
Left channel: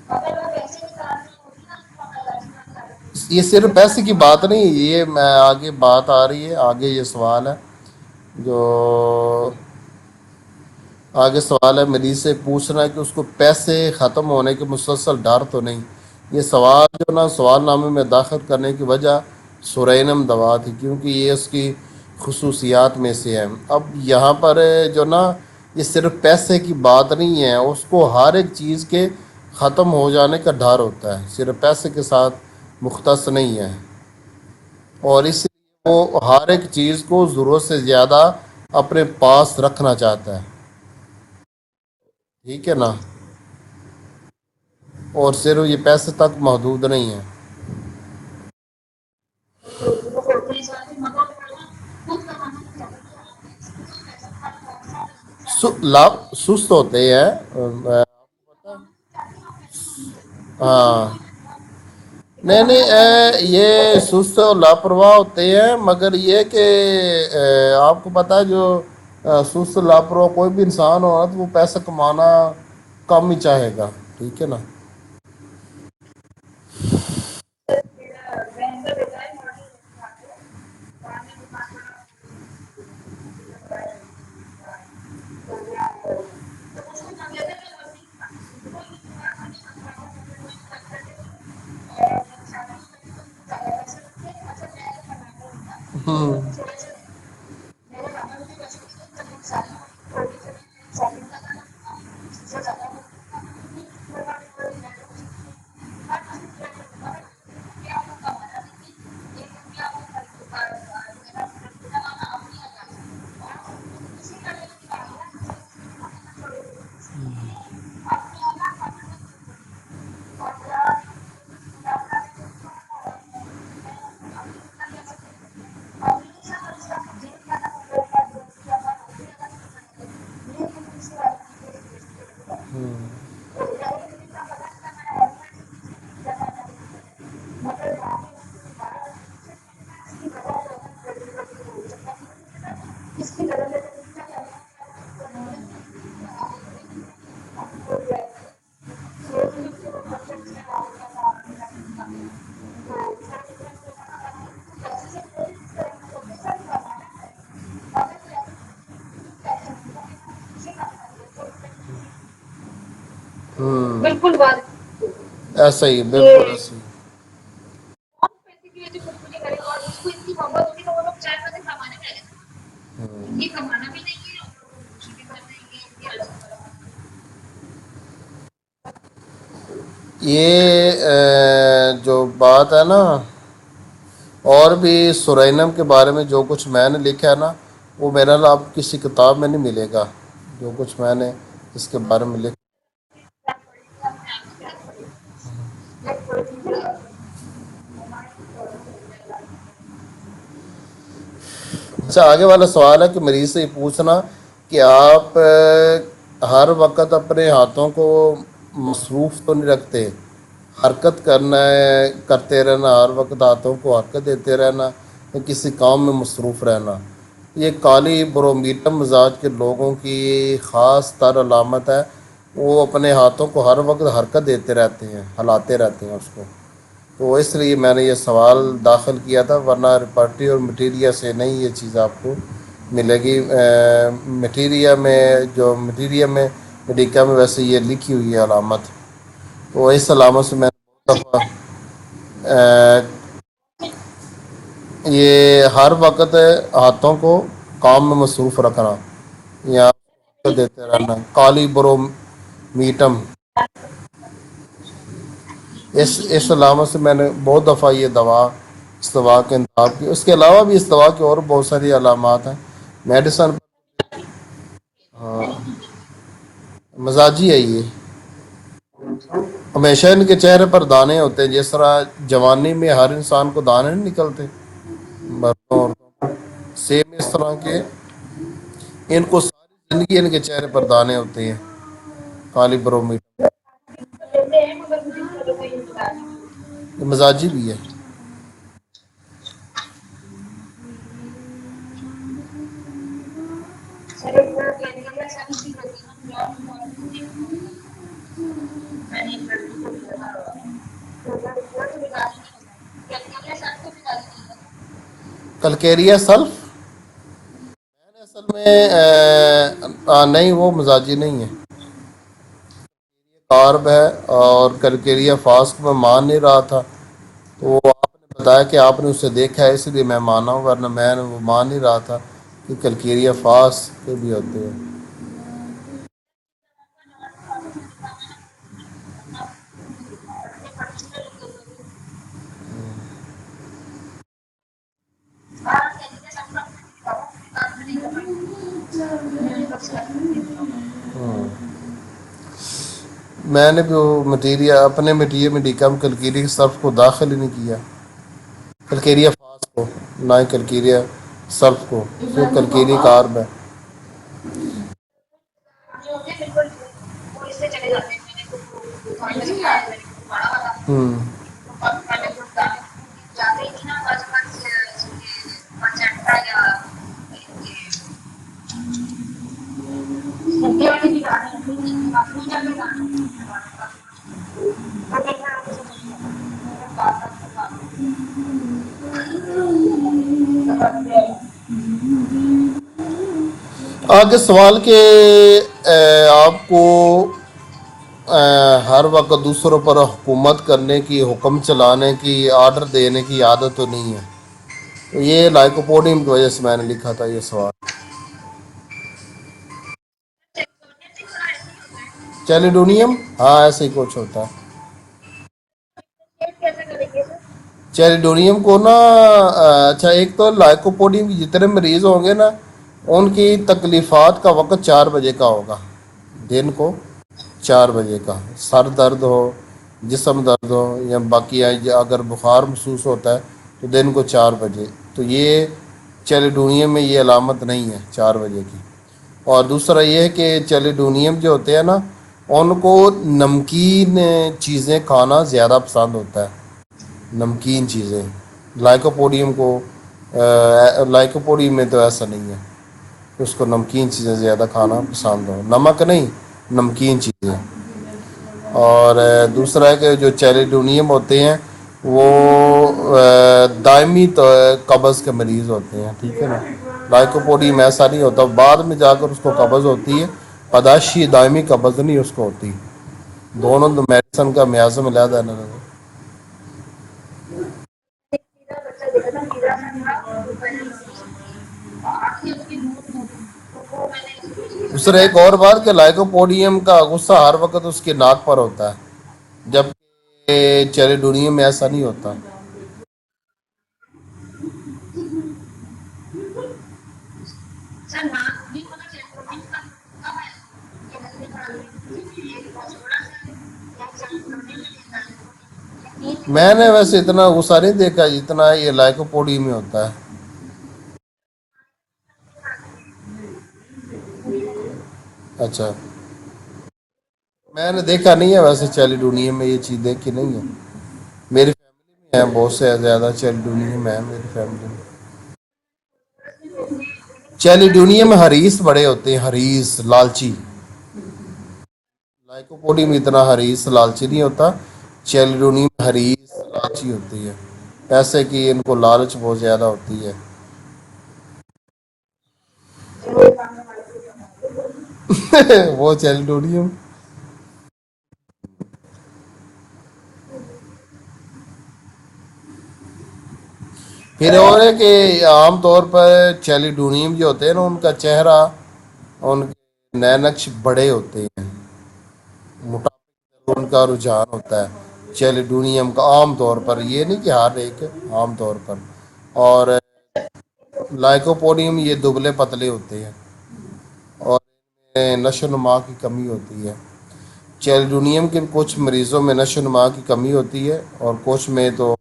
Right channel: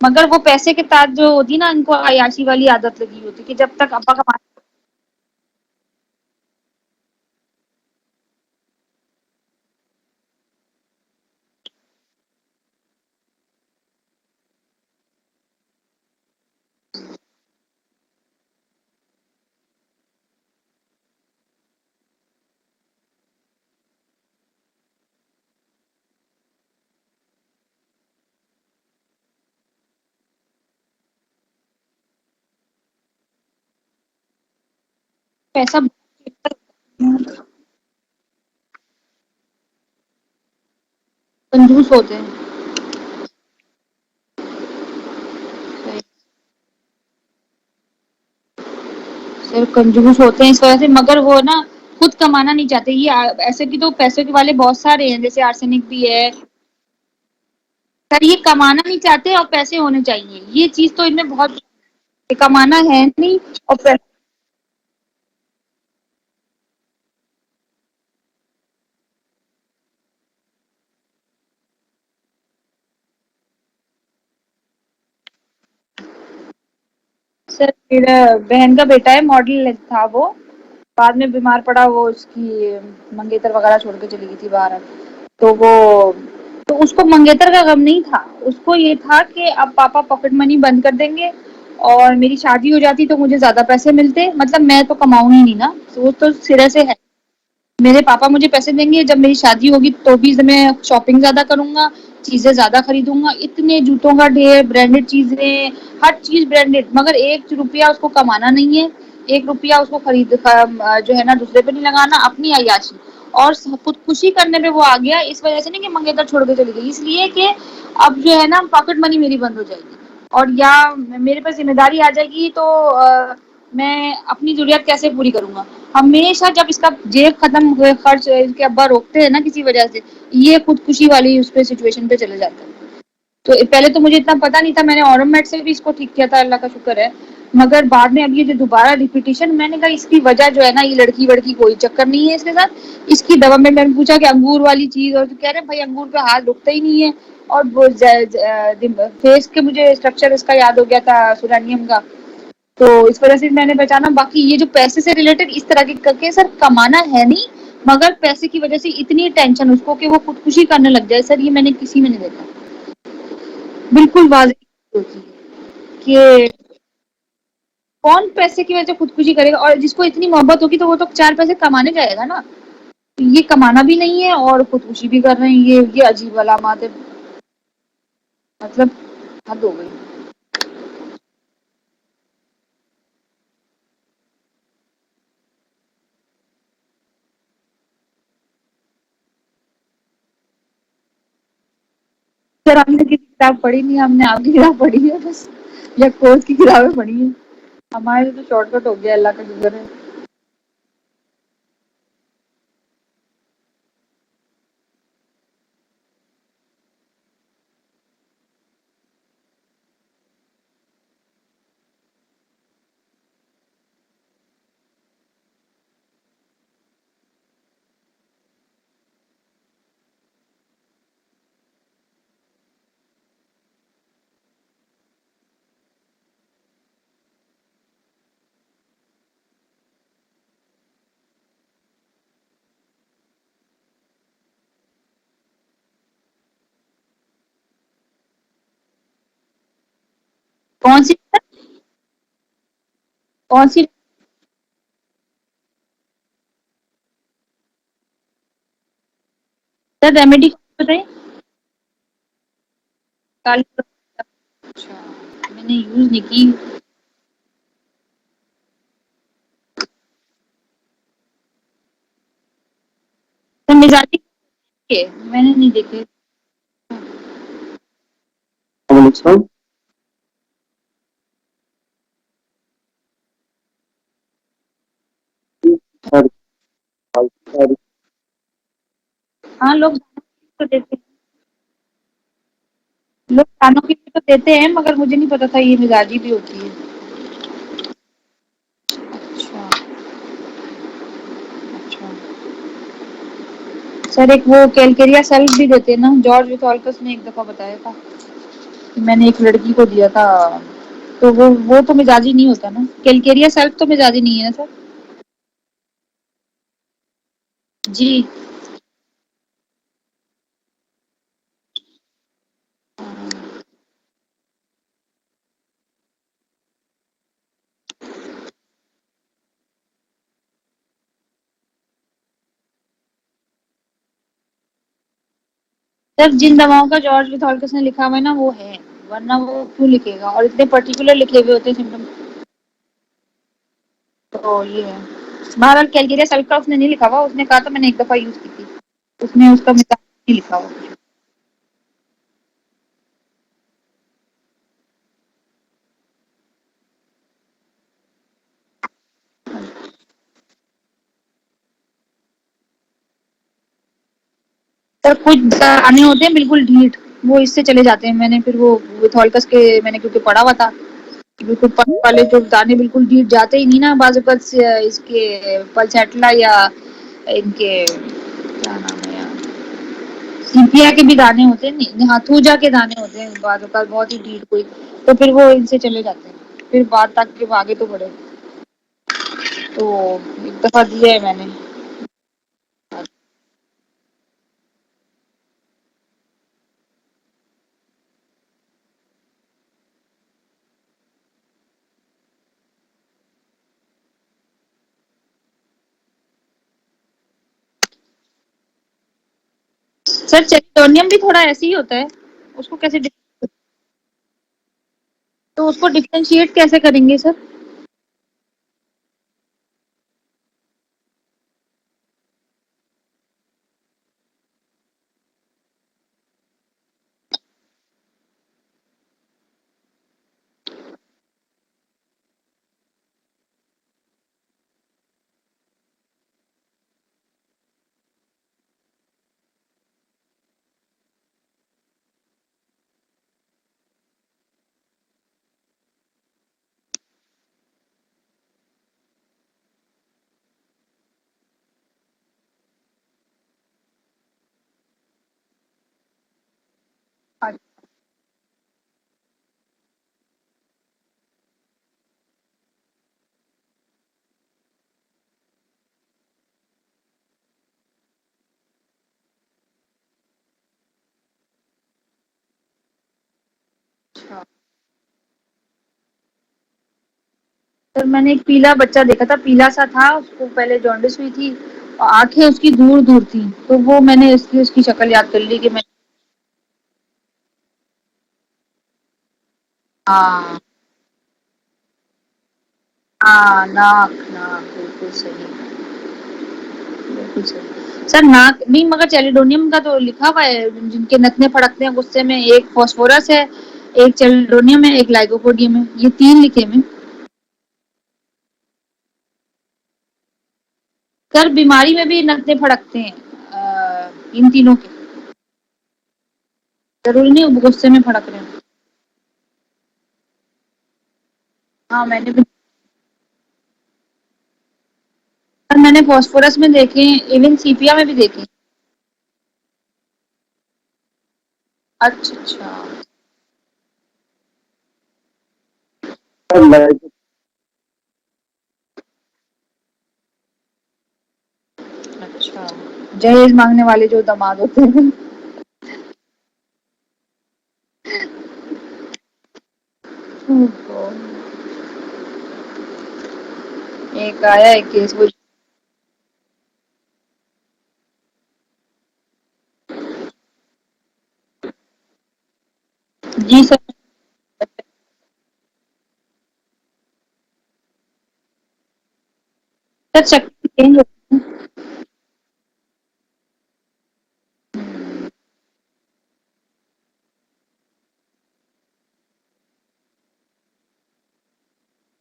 مگر وہ پیسے کے ساتھ جو ہوتی نا ان کو عیاشی والی عادت لگی یہ ہوتی کہ صرف جب تک پیسے کی ابا بات کمائیں. نہیں، یہ میں آگے بات آ رہی ہے، آگے یہ سوال ہے جو آگے سوال ہے مریض سے پوچھنا ہے کہ اس کو پیسے ختم ہونے کے مسلسل ڈر تو نہیں. یہ سوال جو نا سوال نامے میں داخل کرنے کی وجہ سورینم دوا تھی، کیونکہ یہ اس کی خصوصیات میں سے ہے. اب یہاں پر جو نا یہ صرف پیسے کی بات نہیں ہے، اس کو ہر ایک چیز کے ختم ہو جانے کا ڈر ہوتا ہے، صرف پیسے کے ساتھ مختص نہیں ہے. اور اس پیسہ وہ ہر ایک چیز کو ضرورت سے زیادہ اپنے پاس رکھنا چاہتا ہے. کنجوس ہوتے ہیں. ٹھیک ہے نا. اور صرف یہ پیسے تک محدود نہیں ہے. صرف کنجوس ہوتے ہیں اس وجہ سے، مگر وہ نا خود کمانا نہیں چاہتے. یہ ایسے بھی تو پیسے کے والے بہت سارے ہیں، جیسے آرسینک ہے. سست ہوتے ہیں. سر یہ کمانا نہیں چاہتے اور پیسے ہونے چاہیے، یہ چیز تو ہاں ان میں بہت نہیں کمانا ہے نہیں اور یہ پیسے. سست اور لاپرواہ ہوتے ہیں، مگر یہ کہ آپ کو پتہ ہے جو سست لاپرواہ کوئی بھی انسان ہو تو وہ پیسہ کمانا کم ہی چاہے گا. ٹھیک ہے نا. سر میرا بہن کا بیٹا ہے، ماڈل تھا وہ، بعد میں بیمار پڑا، وہ اس کی منگیتر وغیرہ چھوڑ کے چلی گئی تھی باہر. تو اس کو منگیتر کا غم نہیں تھا، اس کو یہ تھا کہ اب پاپا پاکٹ منی بند کر دیں گے اور میری شادی ہو جاتی تو مجھے زیادہ پیسے ملتے، مطلب میں تو کماؤں ہی نہیں نا، وہ تو سرے سے ہے. میرے پاپا مجھے پیسے دیں گے، جب میری شادی ہوگی تو بھی میں شاپنگ زیادہ کروں گا، چیزیں زیادہ خریدوں گا، اتنے جوتوں کا ڈھیر، برانڈیڈ چیزیں، ہر چیز برانڈیڈ، مگر 1 روپیہ اس کو کمانا نہیں ہے، 1 روپیہ اس کو خرید جو ہے نا دوسرے پہ نہیں لگانا، اپنی عیاشی اور خود خوشی کرنے پہ وہ آ گیا، اس وجہ سے نہیں کہ منگیتر چھوڑ کے چلی گئی، اس لیے کہ اب جو ہے نا پاکٹ منی میری بند ہو جائے گی، اور یا میرے پاس ذمہ داری آ جائے گی تو میں اپنی ضروریات کیسے پوری کروں گا؟ ہمیشہ جب اس کا جیب ختم ہوئے، خرچ کے ابا روکتے ہیں نا کسی وجہ سے، یہ خودکشی والی اس پہ سچویشن پہ چلے جاتا ہے۔ تو پہلے تو مجھے اتنا پتا نہیں تھا، میں نے اورم سے بھی اس کو ٹھیک کیا تھا، اللہ کا شکر ہے، مگر بعد میں اب یہ جو دوبارہ ریپیٹیشن، میں نے کہا اس کی وجہ جو ہے نا، یہ لڑکی وڑکی کوئی چکر نہیں ہے اس کے ساتھ، اس کی دوا میں نے پوچھا کہ انگور والی چیز، اور کہہ رہے بھائی انگور پہ ہاتھ رکتا ہی نہیں ہے، اور فیس کے مجھے اسٹرکچر اس کا یاد ہو گیا تھا سورانیم کا، تو اس وجہ سے میں نے پہچانا۔ باقی یہ جو پیسے سے ریلیٹڈ اس طرح کے سر کمانا ہے نہیں، مگر پیسے کی وجہ سے اتنی ٹینشن اس کو کہ وہ خودکشی کرنے لگ جائے، سر یہ میں نے کسی میں نہیں دیکھا، بالکل واضح ایسا ہی، کہ بالکل ایسا ہی۔ کون پیسے کی وجہ سے خودکشی کرے گا؟ اور جس کو اتنی محبت ہوگی تو وہ تو 4 پیسے کمانے جائے گا نا، یہ کمانا بھی نہیں ہے اور خودکشی بھی کر رہے ہیں، یہ عجیب علامات ہے، مطلب حد ہو گئی۔ یہ جو بات ہے نا، اور بھی سرینم کے بارے میں جو کچھ میں نے لکھا ہے نا، وہ میرا اب کسی کتاب میں نہیں ملے گا، جو کچھ میں نے اس کے بارے میں لکھا۔ سر ہم نے کتاب پڑھی نہیں، ہم نے آپ کی کتاب پڑھی ہے بس، یا کورس کی کتابیں پڑھی ہیں، ہمارے تو شارٹ کٹ ہو گیا، اللہ کا شکر ہے۔ اچھا، آگے والا سوال ہے کہ مریض سے یہ پوچھنا کہ آپ ہر وقت اپنے ہاتھوں کو مصروف تو نہیں رکھتے، حرکت کرتے رہنا، ہر وقت ہاتھوں کو حرکت دیتے رہنا، یا کسی کام میں مصروف رہنا، یہ کالی برومیٹم مزاج کے لوگوں کی خاص تر علامت ہے، وہ اپنے ہاتھوں کو ہر وقت حرکت دیتے رہتے ہیں، ہلاتے رہتے ہیں اس کو، تو اس لیے میں نے یہ سوال داخل کیا تھا، ورنہ رپرٹی اور مٹیریا سے نہیں یہ چیز آپ کو ملے گی۔ مٹیریا میں میڈیکا میں ویسے یہ لکھی ہوئی ہے علامت، تو اس علامت سے میں کون سی کون سی؟ یہ ہر وقت ہاتھوں کو کام میں مصروف رکھنا یا سر ریمیڈی دیتے بتائیں، رہنا، کالی برو میٹم، میں نے یوز نہیں کی۔ اس علامت سے میں نے بہت دفعہ یہ اس دوا کے انتخاب کی، اس کے علاوہ بھی اس دوا کی اور بہت ساری علامات ہیں میڈیسن۔ سر مزاجی میں نے نہیں دیکھے۔ مزاجی ہے یہ، ہمیشہ ان کے چہرے پر دانے ہوتے ہیں، جس طرح جوانی میں ہر انسان کو دانے نہیں نکلتے، اور سیم اس طرح کے ان کو ہاں، لوگ زندگی ان کے چہرے پر دانے ہوتے ہیں، کالی برومیٹ، کھانوں کی تو دیتے ہیں، مگر مجھے نہیں پتا تھا یہ مزاجی بھی ہوتی ہے۔ مزاجی بھی ہے۔ اچھا اچھا۔ سر ایک وہ کیلکیریا سیلف بھی دیتے ہیں نا، جارج ویتھالکس نے ایک دفعہ بتایا تھا کہ میں نے ایک لڑکی کو دیا تھا، تو وہ تو مزاجی نہیں ہوتا نا، کیلکیریا سیلف تو مزاجی نہیں ہے نا سر؟ کلکیریا سلف جی میں نہیں، وہ مزاجی نہیں ہے، کارب ہے، اور کلکیریا فاسک میں مان نہیں رہا تھا، تو وہ آپ نے بتایا کہ آپ نے اسے دیکھا ہے، اس لیے میں مانا ہوں، ورنہ میں وہ مان نہیں رہا تھا کہ کلکیریا فاسک کے بھی ہوتے ہیں۔ سر جن دواؤں کا جارج ویتھالکس نے لکھا ہوا ہے نا وہ ہے، ورنہ وہ کیوں لکھے گا، اور اتنے پرٹیکولر لکھے ہوئے ہوتے ہیں سمپٹم، تو یہ ہے۔ بہرحال کیلکیریا سیلف کا اس نے نہیں لکھا ہوا، اس نے کہا تھا میں نے ایک دفعہ یوز کی تھی، اس نے اس کا مثال نہیں لکھا ہوا۔ میں نے بھی وہ اپنے میڈیکا میں کلکیریا سلف کو داخل ہی نہیں کیا، کلکیریا فاسک کو، نہ ہی کلکیریا سلف کو، صرف کلکیریا کارب ہے۔ سر کچھ آنے ہوتے ہیں بالکل ڈھیٹ، وہ اس سے چلے جاتے ہیں، میں نے پھر وہ ویتھالکس کے میں نے کیونکہ پڑھا ہوا تھا، بالکل پڑھ والے جو دانے بالکل ڈھیٹ جاتے ہی نہیں نا، بعض اوقات اس کے پلسیٹلا یا ان کے کیا نام ہے یار، سیپیا کے بھی دانے ہوتے ہیں، نہیں ہاتھوجا کے دانے ہوتے ہیں بعض اوقات بہت ہی ڈھیٹ کوئی، تو پھر وہ ان سے چلے جاتے ہیں، پھر بعد تک کے آگے تو بڑھے، تو ایک دفعہ دیا ہے میں نے۔ آگے سوال کہ آپ کو ہر وقت دوسروں پر حکومت کرنے کی، حکم چلانے کی، آرڈر دینے کی عادت تو نہیں ہے؟ یہ لائکوپوڈیم کی وجہ سے میں نے لکھا تھا یہ سوال. سر چیلڈونیم بھی تھوڑا ایسے ہی ہوتا ہے. چیلیڈونیم ہاں ایسے ہی کچھ ہوتا ہے. تو اس کو ڈفرینشیٹ کیسے کریں گے سر؟ چیلیڈونیم کو نا اچھا ایک تو لائکوپوڈیم کی جتنے مریض ہوں گے نا ان کی تکلیفات کا وقت 4 بجے کا ہوگا. دن کو 4 بجے کا. سر درد ہو جسم درد ہو یا باقی اگر بخار محسوس ہوتا ہے تو دن کو 4 بجے. تو یہ چیلیڈونیم میں یہ علامت نہیں ہے 4 بجے کی. اور دوسرا یہ ہے کہ چیلیڈونیم جو ہوتے ہیں نا ان کو نمکین چیزیں کھانا زیادہ پسند ہوتا ہے. نمکین چیزیں. لائکوپوڈیم کو لائکوپوڈیم میں تو ایسا نہیں ہے کہ اس کو نمکین چیزیں زیادہ کھانا پسند ہو. نمک نہیں نمکین چیزیں. اور دوسرا ہے کہ جو چیلیڈونیم ہوتے ہیں وہ دائمی قبض کے مریض ہوتے ہیں. ٹھیک ہے نا. لائکوپوڈیم ایسا نہیں ہوتا بعد میں جا کر اس کو قبض ہوتی ہے. پداشی دائمی قبض نہیں اس کو ہوتی. دونوں تو میڈیسن کا میازم علیحدہ ہے نا. سر میں نے ایک پیلا بچہ دیکھا تھا. پیلا سا تھا. اس کو پہلے جانڈس ہوئی تھی اور آنکھیں اس کی دور دور تھی. تو وہ میں نے اس لیے اس کی شکل دوسرا یاد ایک کر اور لی کہ بات کہ لائکوپوڈیم کا غصہ ہر وقت اس کے ناک پر ہوتا ہے جب ہاں چیلیڈونیم میں ایسا نہیں ہوتا. ہاں ناک ناک بالکل صحیح. بالکل صحیح سر. ناک نہیں مگر چیلیڈونیم کا تو لکھا ہوا ہے جن کے نتنے پھڑکتے ہیں غصے میں. ایک فاسفورس ہے ایک چیلیڈونیم ہے ایک لائکوپوڈیم ہے. یہ 3 لکھے میں ہیں. نے ویسے اتنا غصہ نہیں دیکھا جتنا یہ لائکوپوڈیم میں ہوتا ہے. سر بیماری میں بھی نتنے پھڑکتے ہیں ان تینوں کے. اچھا ضروری نہیں غصے میں نے دیکھا پھڑکتے نہیں ہیں. ہے ویسے چیلیڈونیم میں یہ چیز دیکھی نہیں ہے. میری ہاں میں نے فیملی میں بہت سے زیادہ چیلیڈونیم ہے میری فیملی میں. سر میں نے فاسفورس میں دیکھے ہیں. ایون سیپیا میں بھی چیلیڈونیم دیکھے. حریص بڑے ہوتے ہیں. حریص لالچی. اچھا اچھا. لائکوپوڈیم اتنا حریص لالچی نہیں ہوتا. چیلیڈونیم حریص لالچی ہوتی ہے. پیسے کی ان کو لالچ بہت زیادہ ہوتی ہے. اچھا جہیز مانگنے والے جو داماد ہوتے ہیں. وہ چیلیڈونیم. ایک پھر آیا اور ایک ہے کیس کوئی. کہ عام طور پر چیلیڈونیم جو ہوتے ہیں نا ان کا چہرہ ان کے نینکش بڑے ہوتے ہیں. جی موٹا سر. ان کا رجحان ہوتا ہے چیلیڈونیم کا عام طور پر. یہ نہیں کہ ہر ایک عام طور پر. اور سر شکل چینج ہوتی ہے. لائکوپوڈیم یہ دبلے پتلے ہوتے ہیں اور نشو و نما کی کمی ہوتی ہے. چیلیڈونیم کے کچھ مریضوں میں نشو و نما کی کمی ہوتی ہے اور کچھ میں تو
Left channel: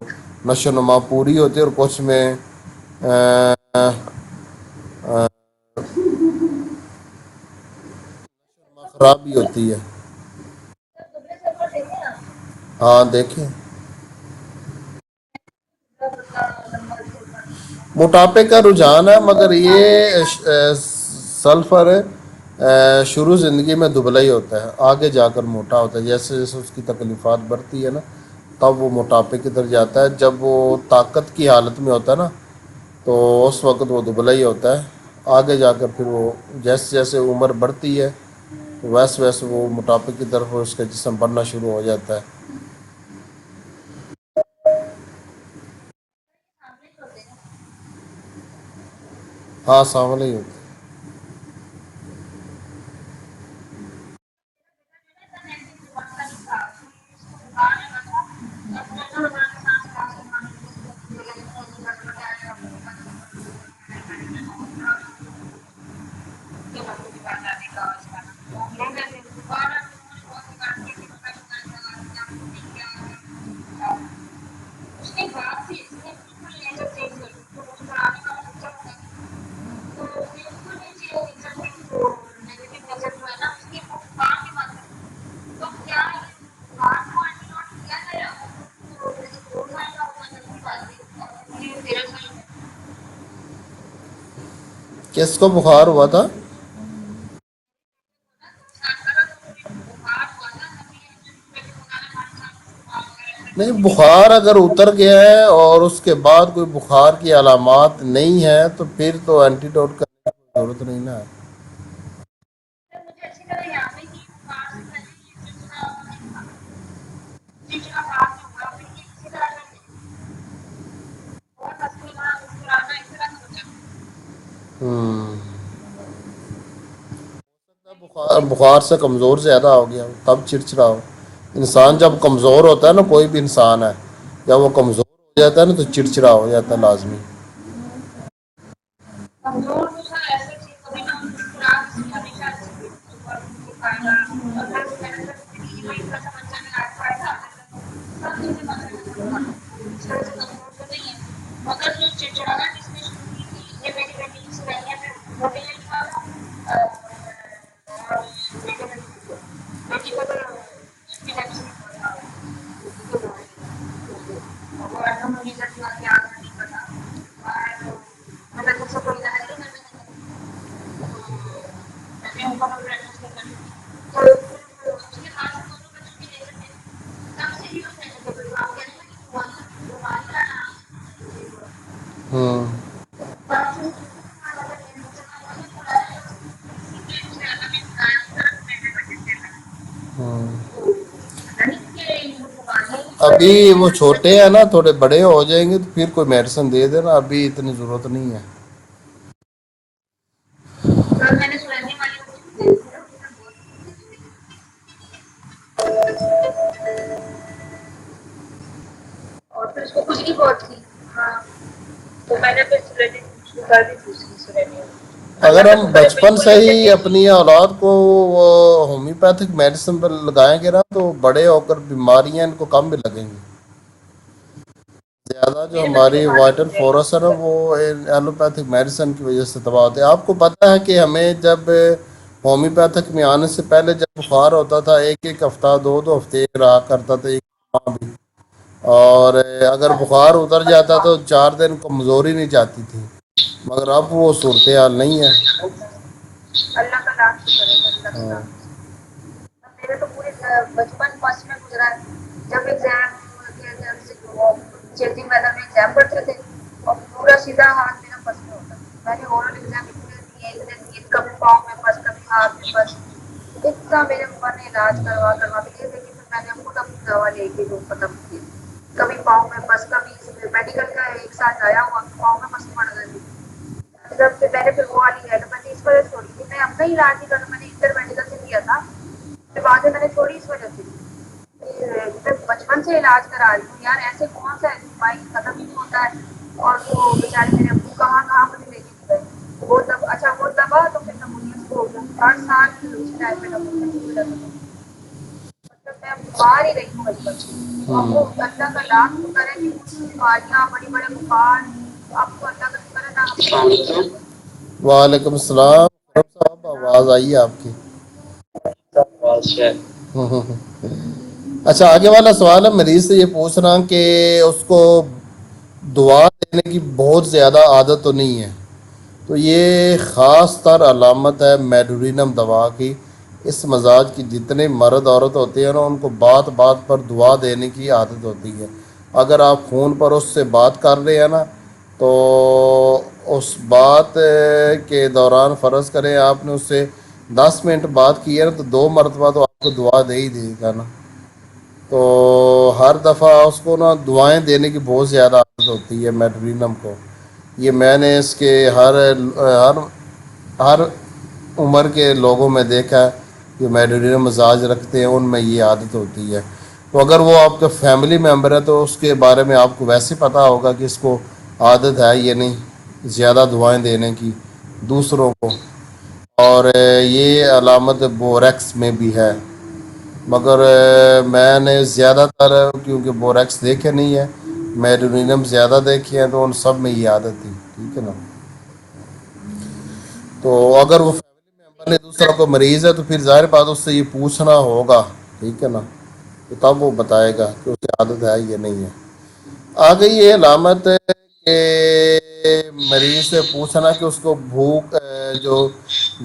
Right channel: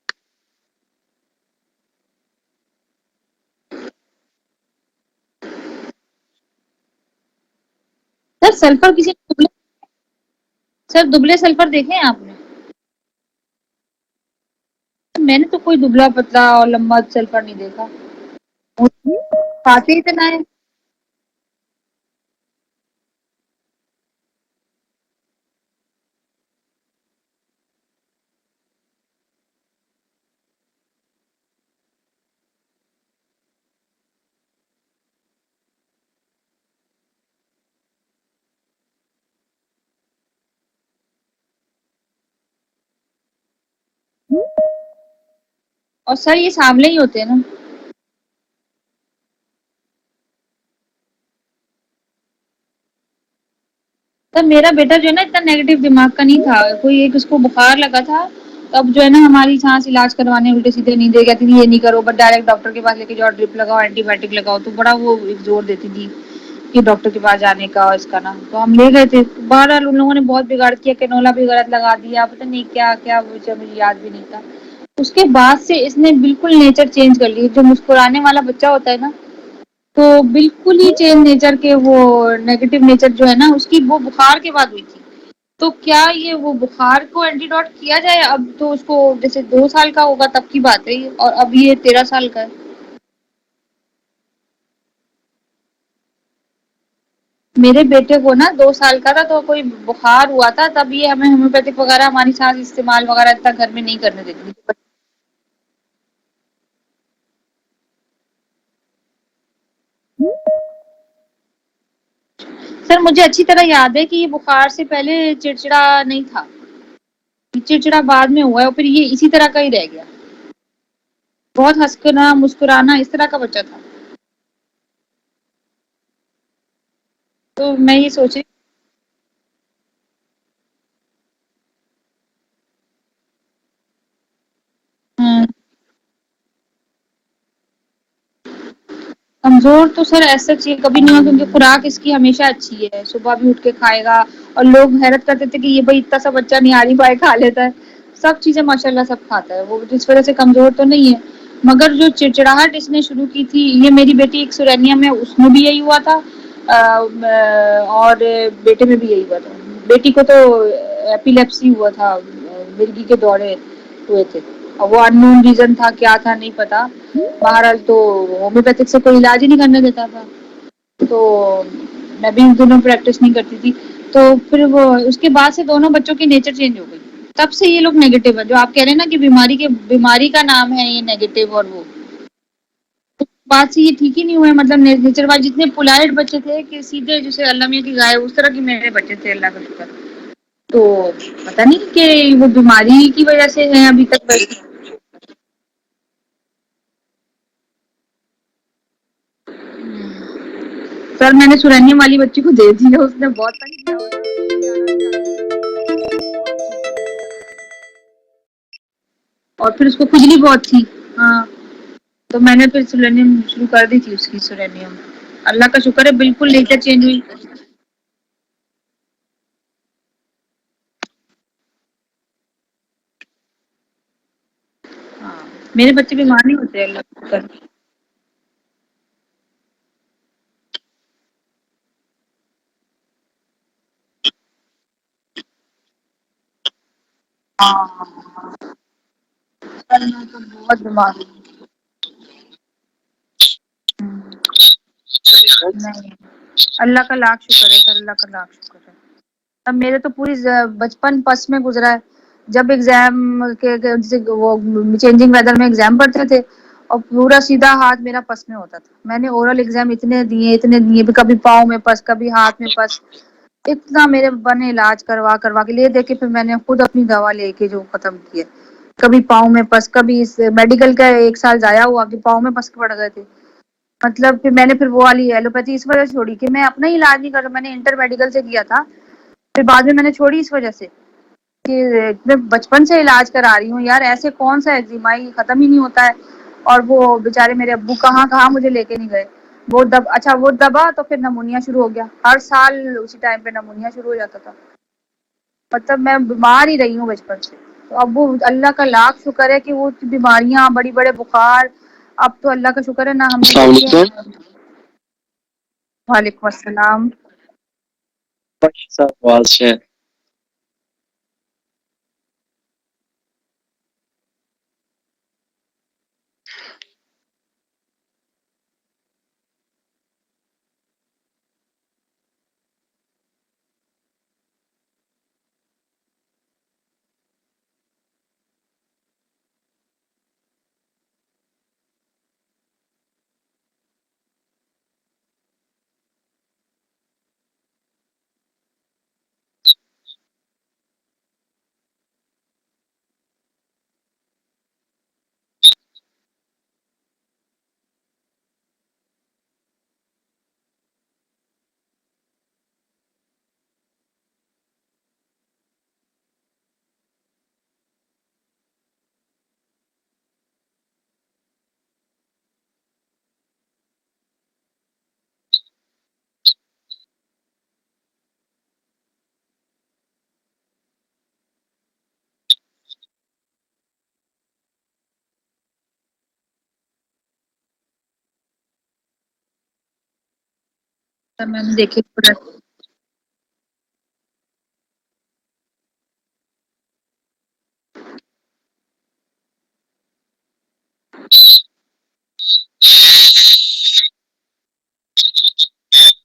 نشو و نما پوری ہوتی ہے اور کچھ میں سر سلفر کسی خرابی ہوتی ہے. سر دبلے سلفر دیکھے ہیں آپ نے؟ ہاں دیکھیں. میں نے تو کوئی دبلا پتلا اور لمبا سلفر نہیں دیکھا. موٹاپے کا رجحان ہے مگر کھاتے یہ اتنا ہے. سلفر شروع زندگی میں دبلا ہی ہوتا ہے. آگے جا کر موٹا ہوتا ہے. جیسے جیسے اس کی تکلیفات بڑھتی ہے نا تب وہ موٹاپے کی طرف جاتا ہے. جب وہ طاقت کی حالت میں ہوتا ہے نا تو اس وقت وہ دبلا ہی ہوتا ہے. آگے جا کر پھر وہ جیسے جیسے عمر بڑھتی ہے ویسے ویسے وہ موٹاپے کی طرف اس کا جسم بڑھنا شروع ہو جاتا ہے. اور سر یہ سانولے ہی ہوتے ہیں نا؟ ہاں سانولے ہی ہوتے ہیں. سر میرا بیٹا جو ہے نا اتنا نیگیٹو دماغ کا نہیں تھا. کوئی ایک اس کو بخار لگا تھا اب جو ہے نا ہماری سانس علاج کروانے الٹے سیدھے نہیں دے گا تھی. یہ نہیں کرو بس ڈائریکٹ ڈاکٹر کے پاس لے کے جاؤ ڈرپ لگاؤ اینٹی بایوٹک لگاؤ. تو بڑا وہ زور دیتی تھی کہ ڈاکٹر کے پاس جانے کا اور اس کا نا. تو ہم لے گئے تھے. بہرحال ان لوگوں نے بہت بگاڑ کیا. کینولا بھی غلط لگا دیا. پتا نہیں کیا کیا مجھے یاد بھی نہیں تھا. اس کے بعد سے اس نے بالکل نیچر چینج کر لی. جو مسکرانے والا بچہ ہوتا ہے نا تو بالکل ہی چینج نیچر کے وہ نیگیٹو نیچر جو ہے نا اس کی وہ بخار کے بعد ہوئی تھی. تو کیا یہ وہ بخار کو اینٹی ڈوٹ کیا جائے؟ اب تو اس کو جیسے 2 سال کا ہوگا تب کی بات ہے اور اب یہ 13 سال کا ہے. کس کو بخار ہوا تھا؟ میرے بیٹے کو نا 2 سال کا تھا تو کوئی بخار ہوا تھا. تب یہ ہمیں ہومیوپیتھک وغیرہ ہماری سانس استعمال وغیرہ اتنا گھر نہیں میں بخار کرتے اگر تھے. اتر گیا ہے اور اس کے بعد کوئی بخار کی علامات نہیں ہے تو پھر تو اینٹی ڈوٹ کا ضرورت نہیں نا ہے. سر مجھے اچھی طرح یاد ہے کہ یہ بخار سے پہلے چڑچڑا نہیں تھا. چڑچڑا بعد میں ہوا ہے اور پھر یہ اسی طرح کا ہی رہ گیا. بہت ہنسنا مسکرانا اس طرح کا بچہ تھا. تو میں یہ سوچ رہی بخار سے کمزور زیادہ ہو گیا تب چڑچڑا ہو. انسان جب کمزور ہوتا ہے نا، کوئی بھی انسان ہے، جب وہ کمزور ہو جاتا ہے نا تو چڑچڑا ہو جاتا ہے لازمی. کمزور تو سر ایسا چیز کبھی نہیں ہوا، کیونکہ خوراک اس کی ہمیشہ اچھی ہے. صبح بھی اٹھ کے کھائے گا، اور لوگ حیرت کرتے تھے کہ یہ بھائی اتنا سا بچہ نہاری پائے کھا لیتا ہے. سب چیزیں ماشاء اللہ سب کھاتا ہے وہ، جس وجہ سے کمزور تو نہیں ہے. مگر جو چڑچڑاہٹ اس نے شروع کی تھی، یہ میری بیٹی ایک سرینیا میں، اس میں بھی یہی ہوا تھا، اور بیٹے میں بھی یہی ہوا تھا. بیٹی کو تو ایپیلیپسی ہوا تھا، مرگی کے دورے ہوئے تھے، اور وہ ان نون ریزن تھا، کیا تھا نہیں پتا. بہرحال تو ہومیوپیتھک سے کوئی علاج ہی نہیں کرنے دیتا تھا، تو میں بھی ان دونوں پریکٹس نہیں کرتی تھی. تو پھر وہ اس کے بعد سے دونوں بچوں کی نیچر چینج ہو گئی. تب سے یہ لوگ نیگیٹو ہے، جو آپ کہہ رہے ہیں نا کہ بیماری کا نام ہے یہ نیگیٹو، اور وہ ہاں بات سے یہ ٹھیک ہی نہیں ہوا ہے. مطلب نیچر وائز جتنے پولائٹ بچے تھے کہ سیدھے جیسے اللہ میاں کی گائے، اس طرح کی میرے بچے تھے، اللہ کا شکر. ہاں. تو پتا نہیں کہ وہ بیماری کی وجہ سے ابھی ہیں وہ ابھی تک. چھوٹے ہیں نا، تھوڑے بڑے ہو جائیں گے تو پھر کوئی میڈیسن دے دینا، ابھی اتنی ضرورت نہیں ہے. سر میں نے سرینیم والی بچی کو دے دی ہے، اس نے بہت تنگ کیا ہوا تھا. اور پھر اس کو کھجلی بہت تھی. ہاں تو میں نے پھر سلینیم شروع کر دی تھی اس کی سلینیم. اگر اللہ کا ہم شکر ہے بچپن بالکل سے نیچر ہی چینج ہوئی. اپنی اولاد کو ہومیوپیتھک میڈیسن پر لگائیں گے نا تو بڑے ہو کر بیماریاں ان کو کم بھی لگیں گی. زیادہ جو میرے بچے ہماری بیمار نہیں وائٹل ہوتے فورس ہے نا، سر. وہ ایلوپیتھک میڈیسن کی وجہ سے تباہ ہوتے ہیں. آپ کو پتہ ہے کہ ہمیں جب ہومیوپیتھک میں آنے سے پہلے جب بخار ہوتا تھا، ایک ایک ہفتہ، دو دو ہفتے رہا کرتا تھا بھی. اور اگر بخار اتر جاتا تو 4 دن کمزوری نہیں جاتی تھی. مگر اب وہ صورتحال نہیں ہے. اللہ کا لاکھ شکر ہے سر، اللہ کا لاکھ شکر. اب میرے تو پوری بچپن پس میں گزرا ہے. جب ایگزام کے چینجنگ ویدر میں ایگزام پڑھتے تھے، اور پورا سیدھا ہاتھ میرا پس میں ہوتا تھا. میں نے اورل ایگزام اتنے دیے، کبھی پاؤں میں پس، کبھی ہاتھ میں پس. اتنا میرے بنے علاج کروا کے لیے دیکھے، پھر میں نے خود اپنی دوا لے کے جو ختم کی ہے. کبھی پاؤں میں پس، کبھی اس میڈیکل کا 1 سال ضائع ہوا کہ پاؤں میں پس پڑ گئے تھے. مطلب پھر میں نے پھر وہ والی ایلوپیتھی اس وجہ سے چھوڑی کہ میں اپنا ہی علاج نہیں کر رہا. میں نے انٹر میڈیکل سے کیا تھا، پھر بعد میں نے چھوڑی اس وجہ سے کہ بچپن سے علاج کرا رہی ہوں یار، ایسے کون سا ایگزیما ختم ہی نہیں ہوتا ہے. اور وہ بےچارے میرے ابو کہاں کہاں مجھے لے کے نہیں گئے. اچھا وہ دبا تو پھر نمونیا شروع ہو گیا. ہر سال اسی ٹائم پہ نمونیا شروع ہو جاتا تھا. مطلب میں بیمار ہی رہی ہوں بچپن سے. اب وہ اللہ کا لاکھ شکر ہے کہ وہ بیماریاں، بڑی بڑے بخار، اب تو اللہ کا شکر ہے نا ہم نے. وعلیکم السلام. وعلیکم السلام. آواز آئی ہے آپ کی. اچھا، آگے والا سوال ہے، مریض سے یہ پوچھ رہا ہوں کہ اس کو دعا دینے کی بہت زیادہ عادت تو نہیں ہے، تو یہ خاص تر علامت ہے میڈورینم دوا کی. اس مزاج کی جتنے مرد عورت ہوتے ہیں نا، ان کو بات بات پر دعا دینے کی عادت ہوتی ہے. اگر آپ فون پر اس سے بات کر رہے ہیں نا، تو اس بات کے دوران فرض کریں آپ نے اس سے 10 منٹ بات کی ہے نا، تو 2 مرتبہ تو آپ کو دعا دے ہی دے گا نا. تو ہر دفعہ اس کو نا دعائیں دینے کی بہت زیادہ عادت ہوتی ہے میڈرینم کو. یہ میں نے اس کے ہر عمر کے لوگوں میں دیکھا ہے، جو میڈرینم مزاج رکھتے ہیں ان میں یہ عادت ہوتی ہے. تو اگر وہ آپ کا فیملی ممبر ہے تو اس کے بارے میں آپ کو ویسے پتہ ہوگا کہ اس کو عادت ہے یہ نہیں زیادہ دعائیں دینے کی دوسروں کو. اور یہ علامت بوریکس میں بھی ہے، مگر میں نے زیادہ تر کیونکہ بوریکس دیکھے نہیں ہے، میڈورینم زیادہ دیکھے ہیں، تو ان سب میں یہ عادت تھی. ٹھیک ہے نا. تو اگر وہ میں نے دیکھی دوسرا کوئی مریض ہے تو پھر ظاہر بات اس سے یہ پوچھنا ہوگا. ٹھیک ہے نا. تو تب وہ بتائے گا کہ اسے عادت ہے یہ نہیں ہے. آ گئی یہ علامت کہ مریض سے پوچھنا کہ اس کو بھوک جو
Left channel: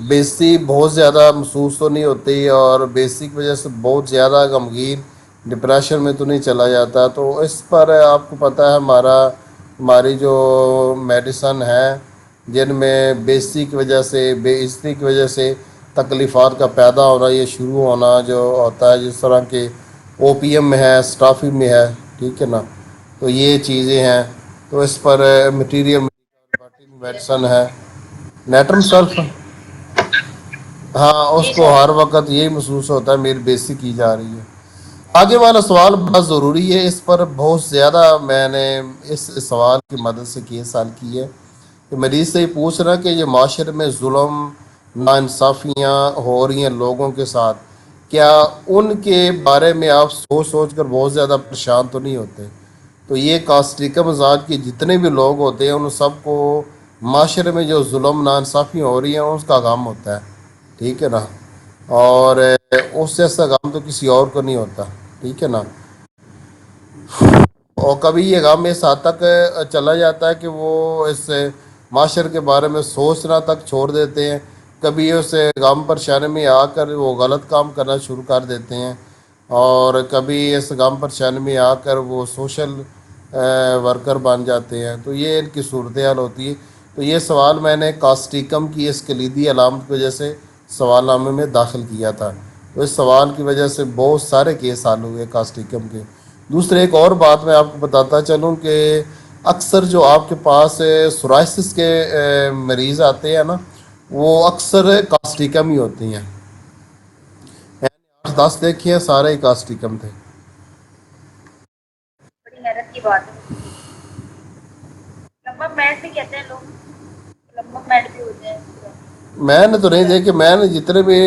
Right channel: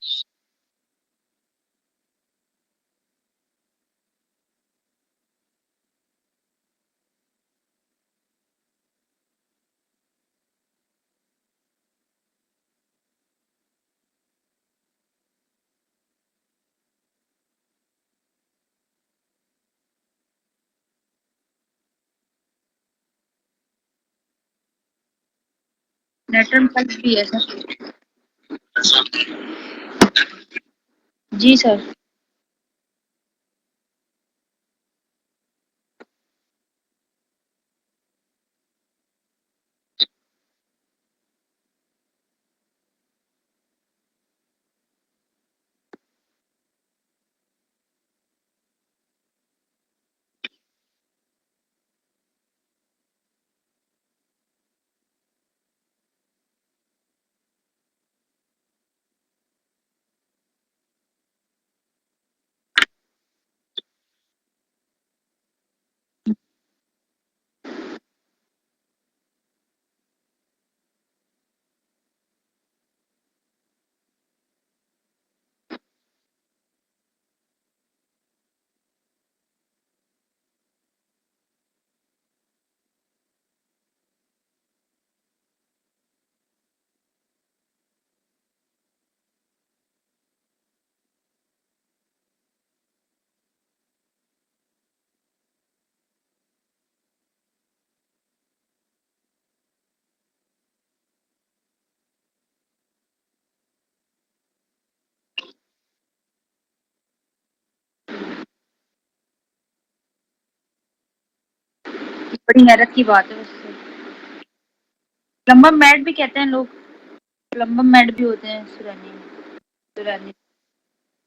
بیزتی بہت زیادہ محسوس تو نہیں ہوتی، اور بیزتی کی وجہ سے بہت زیادہ غمگین ڈپریشن میں تو نہیں چلا جاتا. تو اس پر آپ کو پتہ ہے ہماری جو میڈیسن ہے، جن میں بیزتی کی وجہ سے، بے عزتی کی وجہ سے تکلیفات کا پیدا ہونا، یہ شروع ہونا جو ہوتا ہے، جس طرح کہ اوپیم میں ہے، اسٹافی میں ہے. ٹھیک ہے نا. تو یہ چیزیں ہیں. تو تو اس پر مٹیریل نیٹرم سلف بھی ہے میڈیسن ہے، نیٹرم سلف، ہاں اس جی کو سر. ہر وقت یہی محسوس ہوتا ہے میری بےزتی کی جا رہی ہے۔ آگے والا سوال بہت ضروری ہے، اس پر بہت زیادہ میں نے اس سوال کی مدد سے کیس حل کی ہے کہ مریض سے یہ پوچھ رہا کہ یہ معاشرے میں ظلم ناانصافیاں ہو رہی ہیں لوگوں کے ساتھ، کیا ان کے بارے میں آپ سوچ سوچ کر بہت زیادہ پریشان تو نہیں ہوتے؟ تو یہ کاسٹیکا مزاج کے جتنے بھی لوگ ہوتے ہیں ان سب کو معاشرے میں جو ظلم ناانصافیاں ہو رہی ہیں اس کا غم ہوتا ہے، ٹھیک ہے نا، اور اس سے ایسا غم تو کسی اور کو نہیں ہوتا، ٹھیک ہے نا۔ اور کبھی یہ غم اس حد تک چلا جاتا ہے کہ وہ اس معاشرے کے بارے میں سوچنا تک چھوڑ دیتے ہیں، کبھی اس غم پریشانی میں آ کر وہ غلط کام کرنا شروع کر دیتے ہیں، اور کبھی اس غم پریشانی میں آ کر وہ سوشل ورکر بن جاتے ہیں، تو یہ ان کی صورتحال ہوتی ہے۔ تو یہ سوال میں نے کاسٹیکم کی اس کلیدی علامت کی وجہ سے سوال نامے میں داخل کیا تھا، تو اس سوال کی وجہ سے بہت سارے کیس حل ہوئے کاسٹیکم کے۔ دوسرے ایک اور بات میں آپ کو بتاتا چلوں کہ اکثر جو آپ کے پاس سورائسس کے مریض آتے ہیں نا، وہ اکثر کاسٹیکم ہی ہوتی ہیں، 10 دیکھے ہیں سارے ہی کاسٹیکم تھے۔ بڑی حیرت کی بات ہے ویسے تو۔ لمبا میڈ بھی کہتے ہیں لوگ، لمبا میڈ بھی ہوتے ہیں سورانی۔ میں نے تو نہیں دیکھے، میں نے جتنے بھی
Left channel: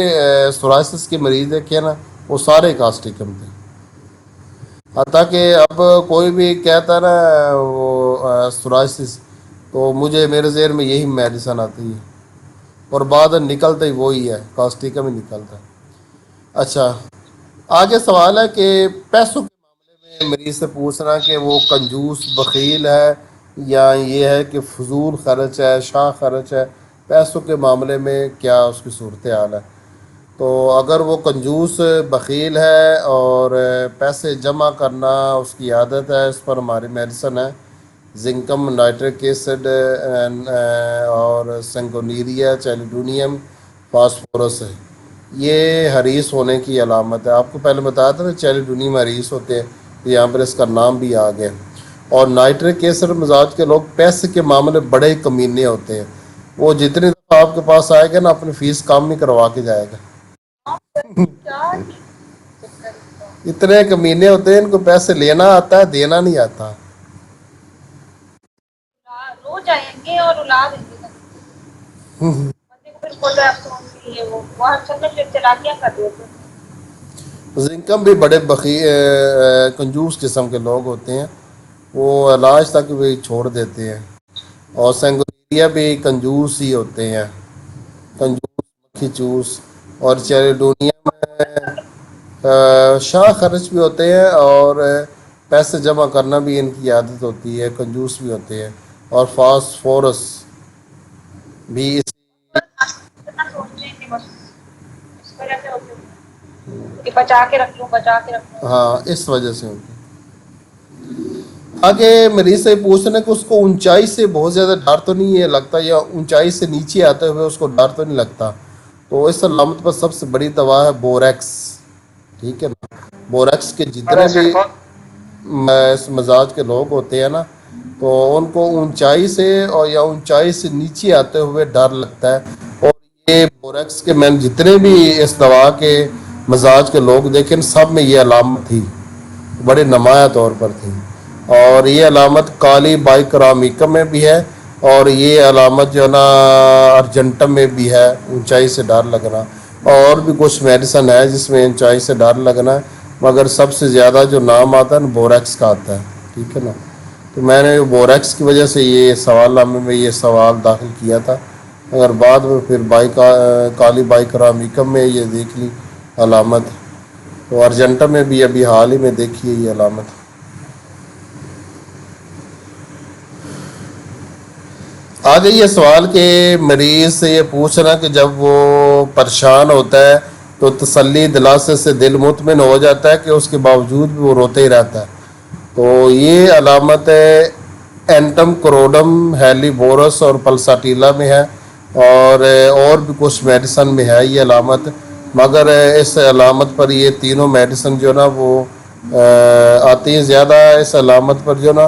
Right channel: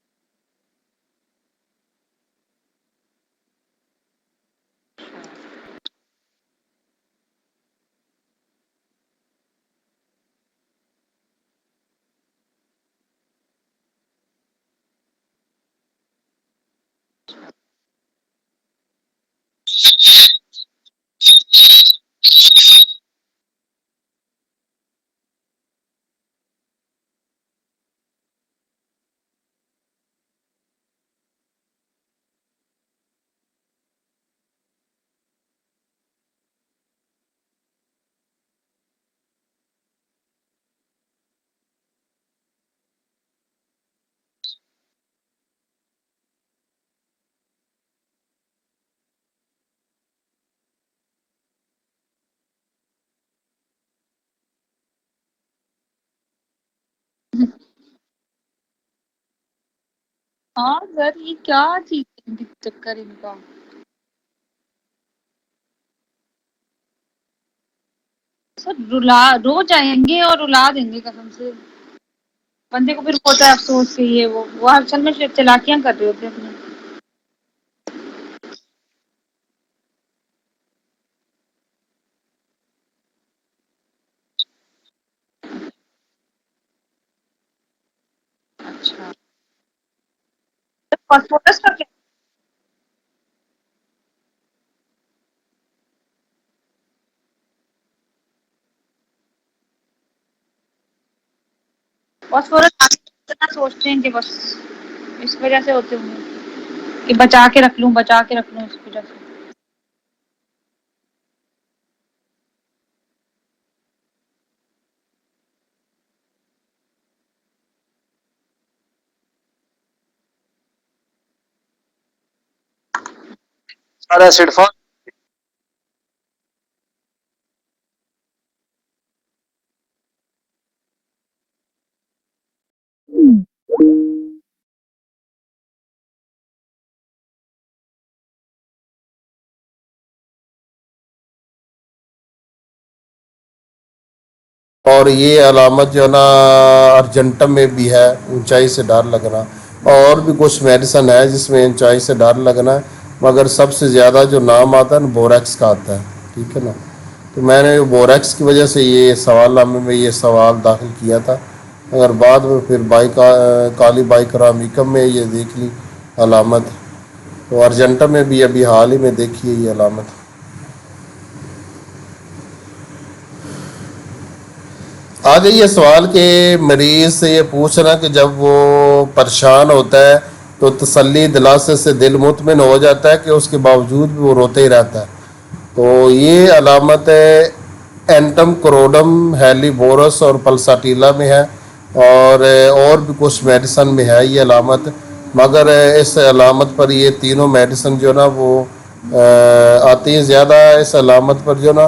سورائسس کے مریض دیکھے نا وہ سارے کاسٹیکم تھے، حتیٰ کہ اب کوئی بھی کہتا ہے نا وہ سورائسس تو مجھے میرے ذہن میں یہی میڈیسن آتی ہے، اور بعد نکلتا ہی وہی ہے، کاسٹیکم ہی نکلتا ہے۔ اچھا، آگے سوال ہے کہ پیسوں کے مریض سے پوچھنا کہ وہ کنجوس بخیل ہے یا یہ ہے کہ فضول خرچ ہے، شاہ خرچ ہے، پیسوں کے معاملے میں کیا اس کی صورتحال ہے؟ تو اگر وہ کنجوس بخیل ہے اور پیسے جمع کرنا اس کی عادت ہے، اس پر ہماری میڈیسن ہے، زنکم نائٹرک ایسڈ اور سنگونیریا چیلیڈونیم فاسفورس ہے، یہ حریص ہونے کی علامت ہے۔ آپ کو پہلے بتایا تھا نا چیلیڈونیم حریص ہوتے ہیں، تو یہاں پر اس کا نام بھی آ گیا۔ اور نائٹرک ایسڈ مزاج کے لوگ پیسے کے معاملے بڑے کمینے ہوتے ہیں، وہ جتنی دفعہ آپ کے پاس آئے گا نا اپنی فیس کام نہیں کروا کے جائے گا، ہاں سر، یہ کیا چکر ان کا؟ اتنے کمینے ہوتے ہیں، ان کو پیسے لینا آتا ہے، دینا نہیں آتا۔ سر رو جائیں گے اور رلا دیں گے قسم سے، بندے کو پھر ہوتا ہے افسوس کہ یہ وہ اصل میں چلاکیاں کر رہے ہوتے ہیں اپنی۔ زنکم بھی بڑے کنجوس قسم کے لوگ ہوتے ہیں، وہ علاج تک بھی چھوڑ دیتے ہیں، اور سینگونیا بھی کنجوس ہی ہوتے ہیں، کنجوس کھچوس، اور چیریڈونیم فاسفورس کا شاہ خرچ بھی ہوتے ہیں، اور پیسے جمع کرنا بھی ان کی عادت ہوتی ہے، کنجوس بھی ہوتے ہیں، اور فاسفورس بھی فاسفورس سوچتے ہیں کہ بس اس وجہ سے ہوتے ہوں گے کہ بچا کے رکھ لوں، بچا کے رکھ لوں، اس ہاں وجہ سے۔ اس وجہ سے ہوتے ہیں۔ آگے مریض سے پوچھنا کہ اس کو اونچائی سے بہت زیادہ ڈر تو نہیں ہے لگتا، یا اونچائی سے نیچے آتے ہوئے اس کو ڈر تو نہیں لگتا؟ تو اس علامت پر سب سے بڑی دوا ہے بوریکس، ٹھیک ہے نا۔ بوریکس کے جتنے اس مزاج کے لوگ ہوتے ہیں نا، تو ان کو اونچائی سے اور یا اونچائی سے نیچے آتے ہوئے ڈر لگتا ہے، اور یہ بوریکس کے میں جتنے بھی اس دوا کے مزاج کے لوگ دیکھیں سب میں یہ علامت تھی، بڑے نمایاں طور پر تھی، اور یہ علامت کالی بائکرامیکم میں بھی ہے، اور یہ علامت جو ہے نا ارجنٹم میں بھی ہے، اونچائی سے ڈر لگنا، اور بھی کچھ میڈیسن ہے جس میں اونچائی سے ڈر لگنا ہے، مگر سب سے زیادہ جو نام آتا ہے نا بوریکس کا آتا ہے، ٹھیک ہے نا۔ تو میں نے بوریکس کی وجہ سے یہ سوال نامے میں یہ سوال داخل کیا تھا، اگر بعد میں پھر کالی بائکرامیکم میں یہ دیکھ لی علامت، تو ارجنٹم میں بھی ابھی حال ہی میں دیکھی ہے یہ علامت۔ آگے یہ سوال کہ مریض سے یہ پوچھنا کہ جب وہ پریشان ہوتا ہے تو تسلی دلاسے سے دل مطمئن ہو جاتا ہے کہ اس کے باوجود بھی وہ روتے ہی رہتا ہے، تو یہ علامت اینٹم کروڈم ہیلی بورس اور پلساٹیلا میں ہے، اور بھی کچھ میڈیسن میں ہے یہ علامت، مگر اس علامت پر یہ تینوں میڈیسن جو نا وہ آتی ہیں زیادہ اس علامت پر جو نا